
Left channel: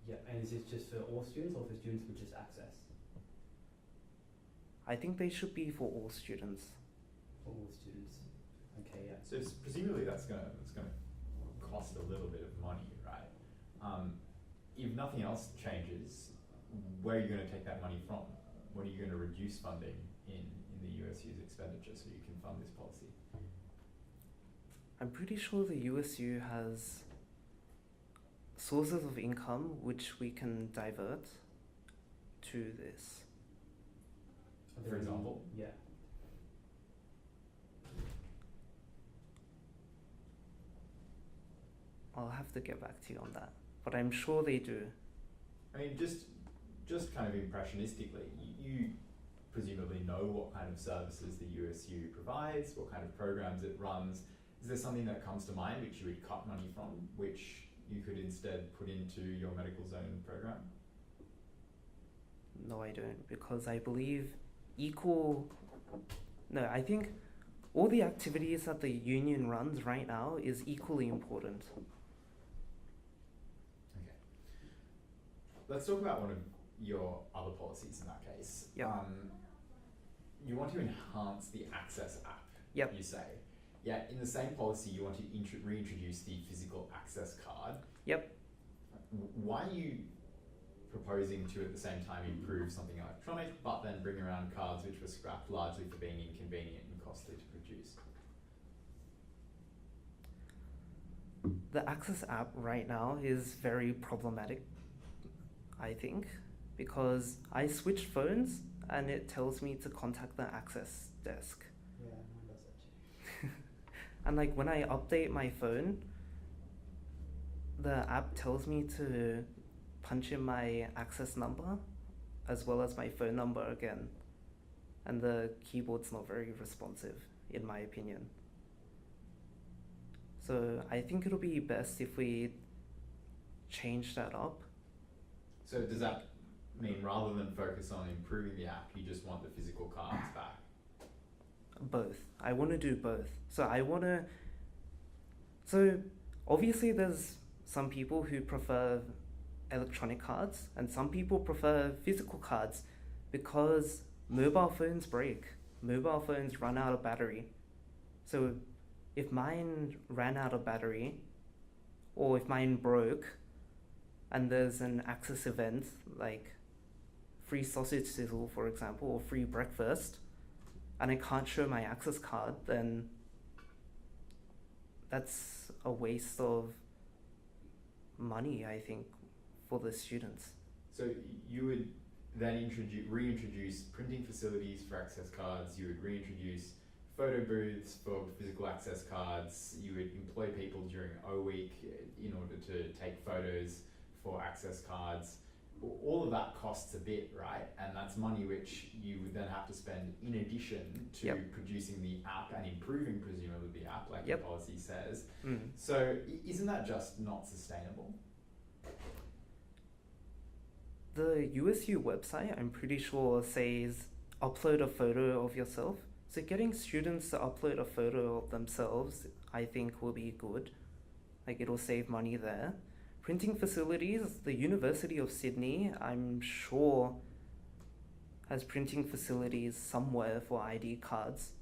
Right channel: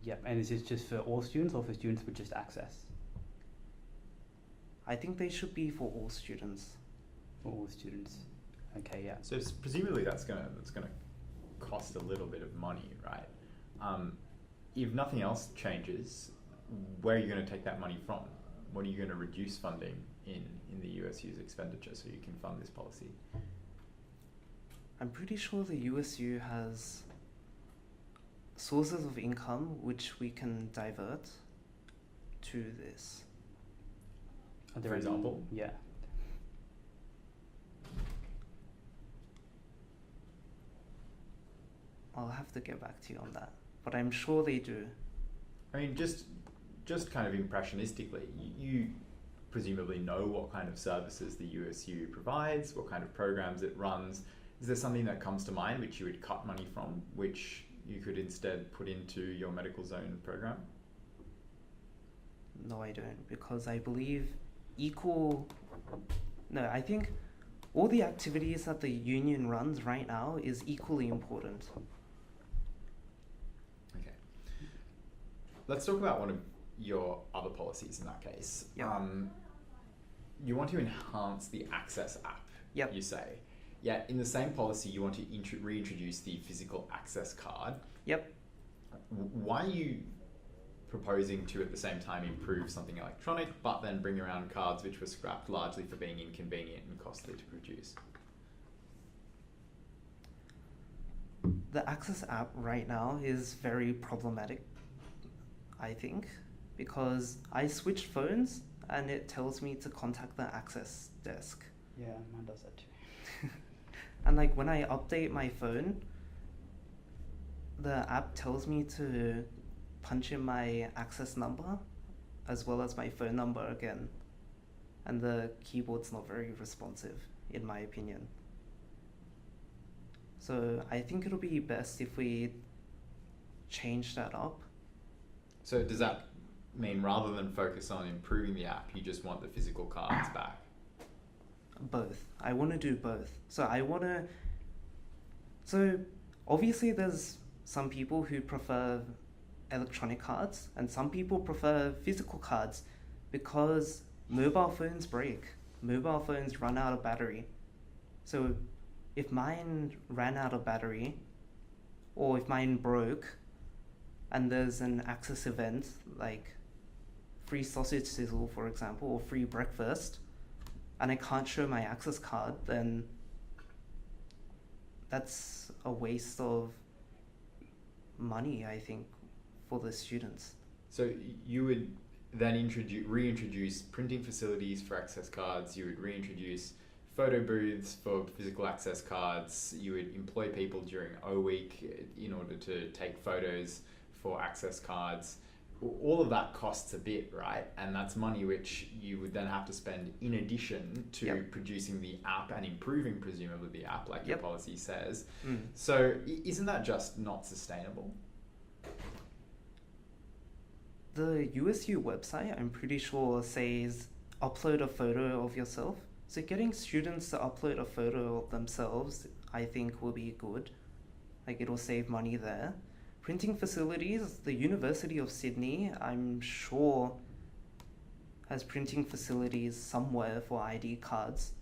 Yep. And is this just for all students or for students with just access? I think they should be for all students. For all students. Okay. Yeah. So presumably that's gonna cost a little bit of money, right? If nothing else changes, where are you going to take that money from? What are you going to reduce funding in the USU's expenditure so you can fund this policy? I'm pretty sure the USU has sources of income which we can divert to this. Are there For any- example? Yeah. I'll have to get back to you on that, but I'm sure they do. I mean, just kind of impressionistically, you presumably know what kind of services the USU provides, what kind of programs it runs. Is there something that comes to mind which you would cut money from, which you could instead put into your medical zone program? No, I don't, because I believe I think all the activities that the union runs right now is equally important. Okay. Let's talk about one of your other policies in that case. Yep. You want to enhance the Access app, Yep. you say. Yet in the same policy, you want to reintroduce the physical access card. Yep. Why are you proposing to at the same time improve something electronic, but then bring around cards which were scrapped largely for being inconvenient and costly to produce? The Access app right now is very problematic, I think, because I switched phones and it tells me to contact the Access desk. Yeah, mine does that too. And like when I update my phone, the app tells me to punch in my Access number as well as my phone number again. And the keyboard's not very responsive, in my opinion. So I think it'll be best if we change that up. So does that mean rather than focus on improving the app, you just want the physical cards back? Both. I want to do both. So obviously there's some people who prefer electronic cards and some people prefer physical cards because mobile phones break. Mobile phones run out of battery. So if mine ran out of battery or if mine broke and there's an Access event like free sausage sizzle, for example, or free breakfast, and I can't show my Access card, then that's a waste of money, I think, for the students. So you would then reintroduce printing facilities for access cards. You would reintroduce photo booths for physical access cards. You would employ people during O Week in order to take photos for access cards. All of that costs a bit, right? And that's money which you would then have to spend in addition to Yep. producing the app and improving presumably the app, like Yep. your policy says. Mm. So isn't that just not sustainable? The USU website, I'm pretty sure, says upload a photo of yourself. So getting students to upload a photo of themselves, I think, will be good. Like, it'll save money there. Printing facilities, the University of Sydney, I'm sure, has printing facilities somewhere for ID cards.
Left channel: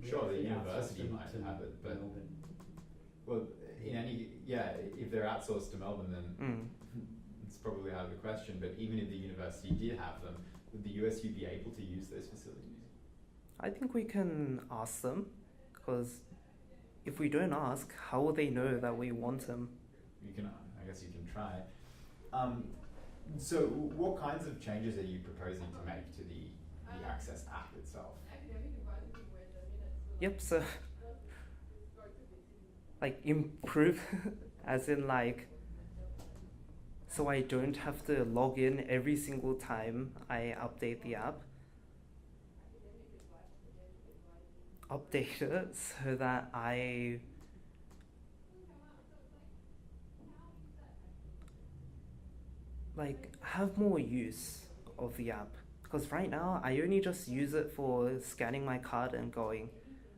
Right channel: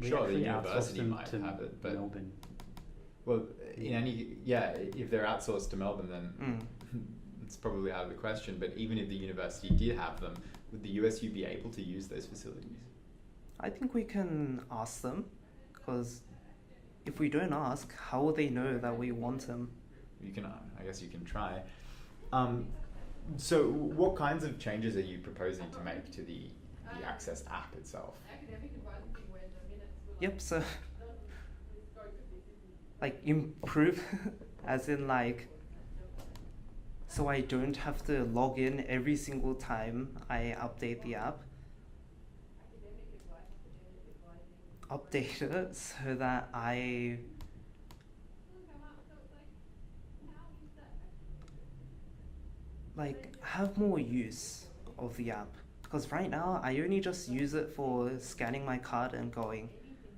We Sure, the actually university outsourced them might to have it, but Melbourne. well, if they're outsourced to Melbourne, then Mm. it's probably out of the question. But even if the university did have them, would the USU be able to use those facilities? I think we can ask them, because if we don't ask, how will they know that we want them? You can, I guess, you can try. So, what kinds of changes are you proposing to make to the Access app itself? Yep, so like improve as in like so I don't have to log in every single time I update the app. Update it so that I like have more use of the app, because right now I only just use it for scanning my card and going.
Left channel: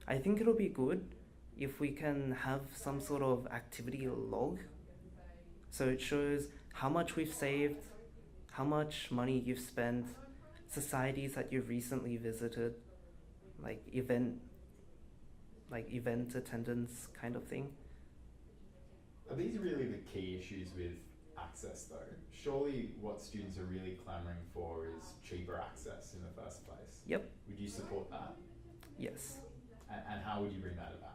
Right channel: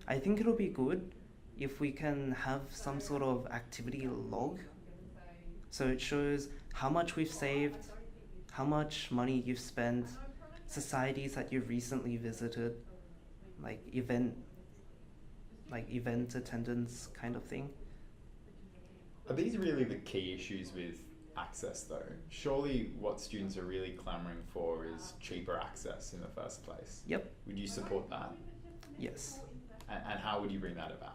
I think it'll be good if we can have some sort of activity log, so it shows how much we've saved, how much money you've spent, societies that you've recently visited, like event attendance kind of thing. Are these really the key issues with access, though? Surely what students are really clamouring for is cheaper access in the first place. Yep. Would you support that? Yes. And how would you bring that about?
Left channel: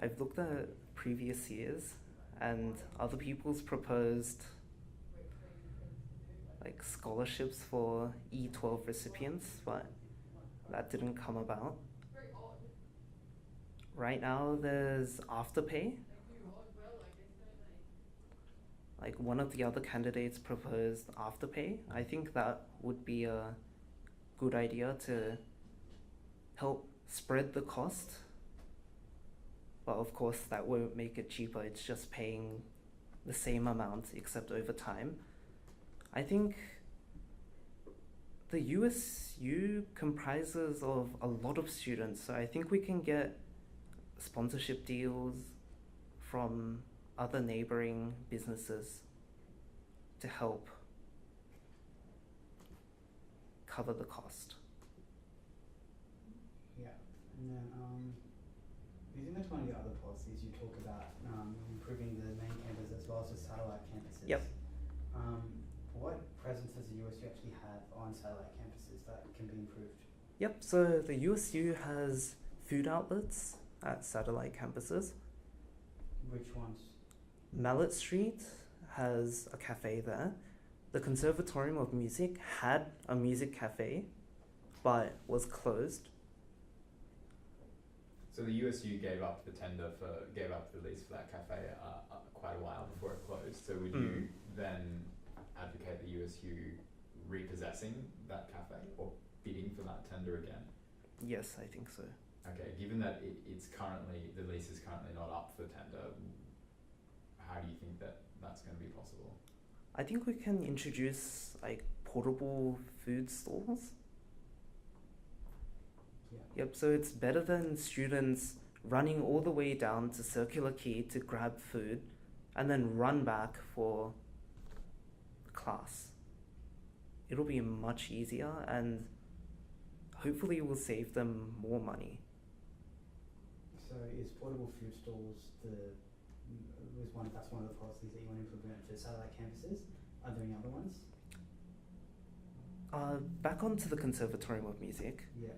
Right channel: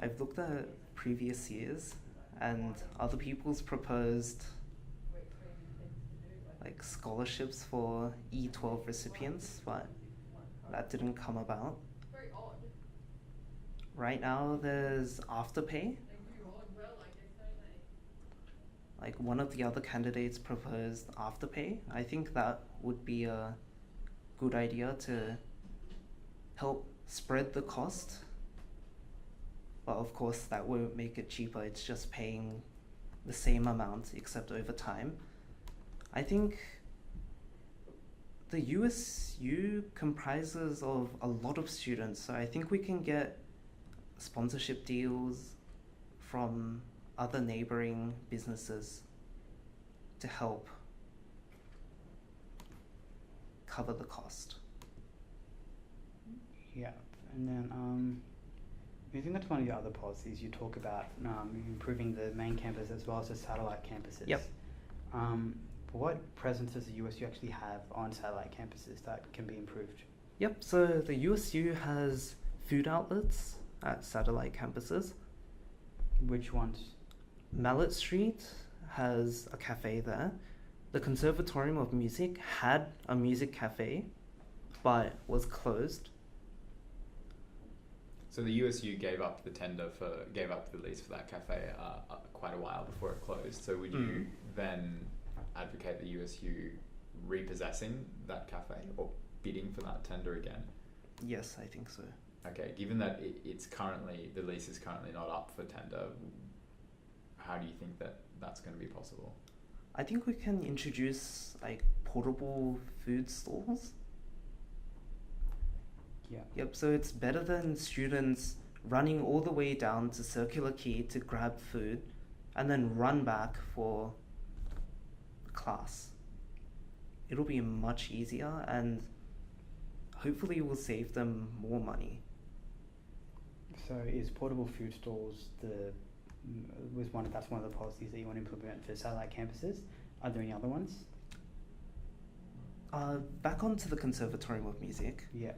I've looked at previous years and other people's proposed like scholarships for E12 recipients, but that didn't come about. Right now there's Afterpay. Like one of the other candidates proposed Afterpay. I think that would be a good idea to help spread the cost. But of course that won't make it cheaper, it's just paying the same amount except over time. I think the USU comprises of a lot of students, so I think we can get sponsorship deals from other neighboring businesses to help cover the cost. Yeah, and then I think that's one of the other policies you talk about, improving the main campus as well as the satellite campuses. Yep. What presence does the USU actually have on satellite campuses that can be improved? Yep, so the USU has food outlets at satellite campuses. Which ones? Mallet Street has a cafe there. The Conservatorium of Music had a music cafe, but was closed. So the USU gave up the lease for that cafe quite a while before it closed. So would you then advocate the USU repossessing that cafe or bidding for that tender again? Yes, I think so. Okay, given that the lease is currently not up for tender, how do you think that that's going to be possible? I think we can introduce like portable food stalls. Yeah. Yep, so it's better than students running all the way down to Circular Quay to grab food and then run back for class. It'll be much easier and hopefully it will save them more money. So is portable food stalls that's one of the policies that you want to implement for satellite campuses? Are there any other ones? Back onto the Conservatorium of Music. Yeah.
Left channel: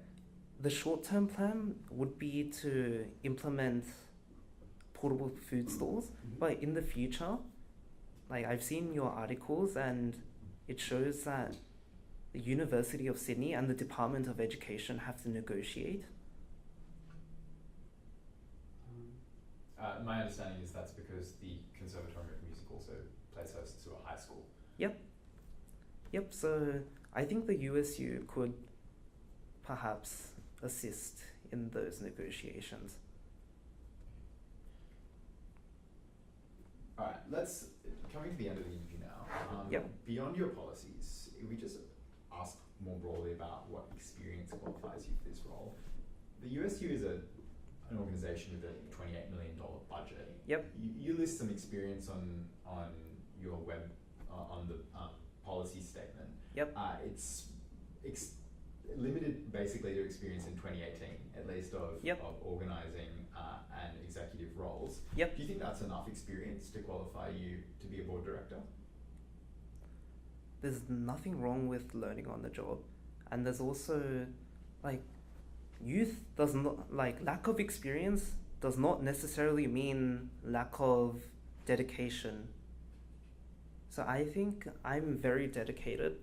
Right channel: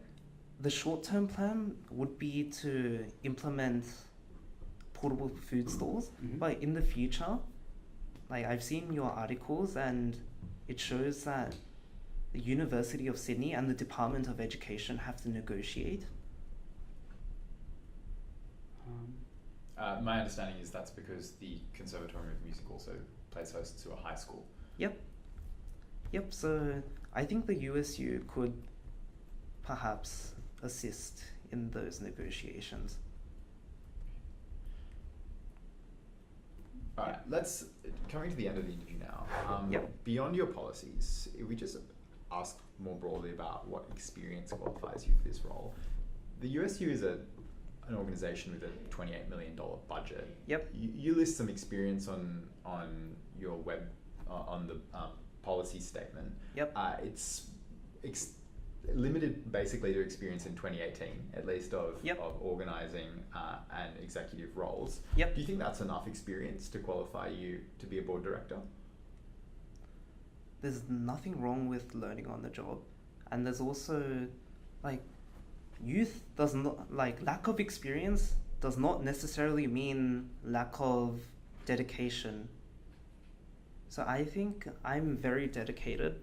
The short-term plan would be to implement portable food stalls, but in the future, like I've seen your articles and it shows that the University of Sydney and the Department of Education have to negotiate. My understanding is that's because the Conservatorium of Music also plays host to a high school. Yep, so I think the USU could perhaps assist in those negotiations. Alright, coming to the end of the interview now. Yep. Beyond your policies, if we just ask more broadly about what experience qualifies you for this role, the USU is an organisation with a $28 million budget. Yep. You list some experience on your web, on the policy statement. Yep. It's limited basically to experience in 2018, at least of organising and executive roles. Yep. Do you think that's enough experience to qualify you to be a board director? There's nothing wrong with learning on the job, and there's also like lack of experience does not necessarily mean lack of dedication. So I think I'm very dedicated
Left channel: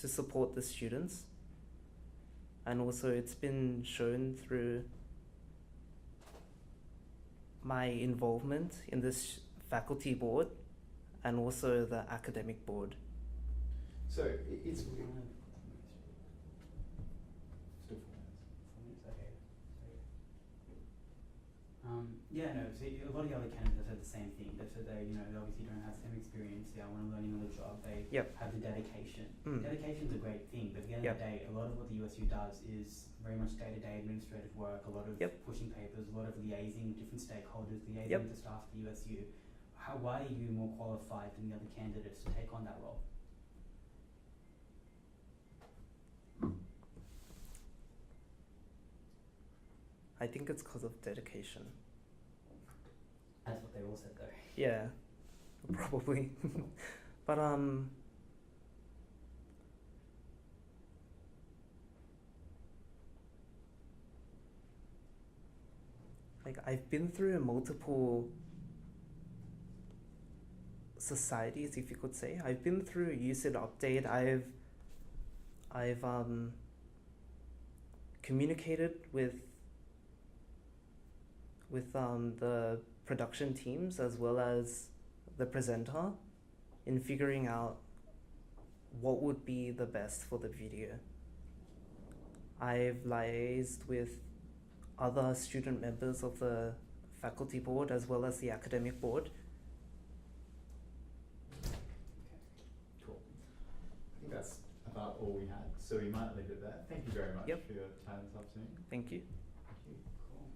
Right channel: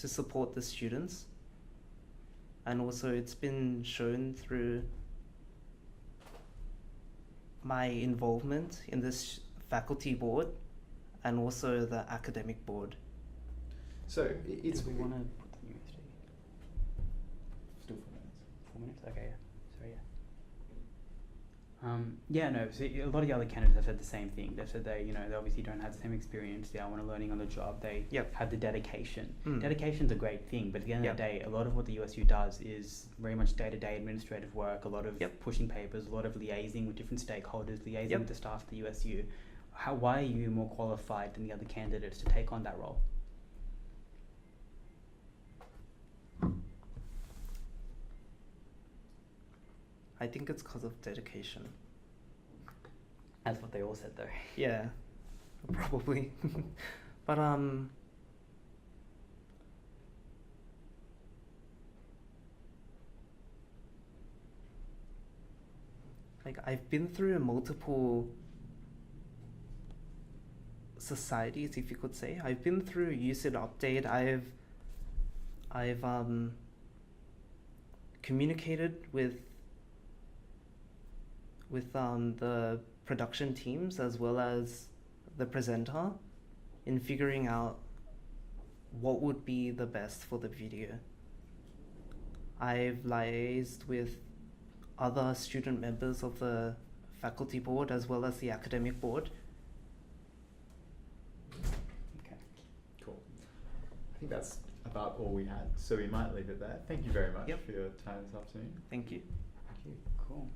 to support the students, and also it's been shown through my involvement in this faculty board and also the academic board. So it's... We want to... Still 4 minutes? 4 minutes? Okay, yeah. No, so a lot of the other candidates have said the same thing. They've said they obviously don't have the same experience. They want to learning on the job. They have the dedication. Dedication's a great thing, but at the end of the day, a lot of what the USU does is very much day-to-day administrative work, a lot of pushing papers, a lot of liaising with different stakeholders, liaising with the staff at the USU. Why are you more qualified than the other candidates to take on that role? I think it's because of dedication. That's what they all said though. Yeah, probably. But like I've been through multiple societies, if you could say. I've been through USU Update. I've communicated with the production teams as well as the presenter in figuring out what would be the best for the video. I've liaised with other student members of the faculty board as well as the academic board. Okay. Cool. I think that's about all we had, so we might leave it there. Thank you very much for your time this afternoon. Thank you. Cool.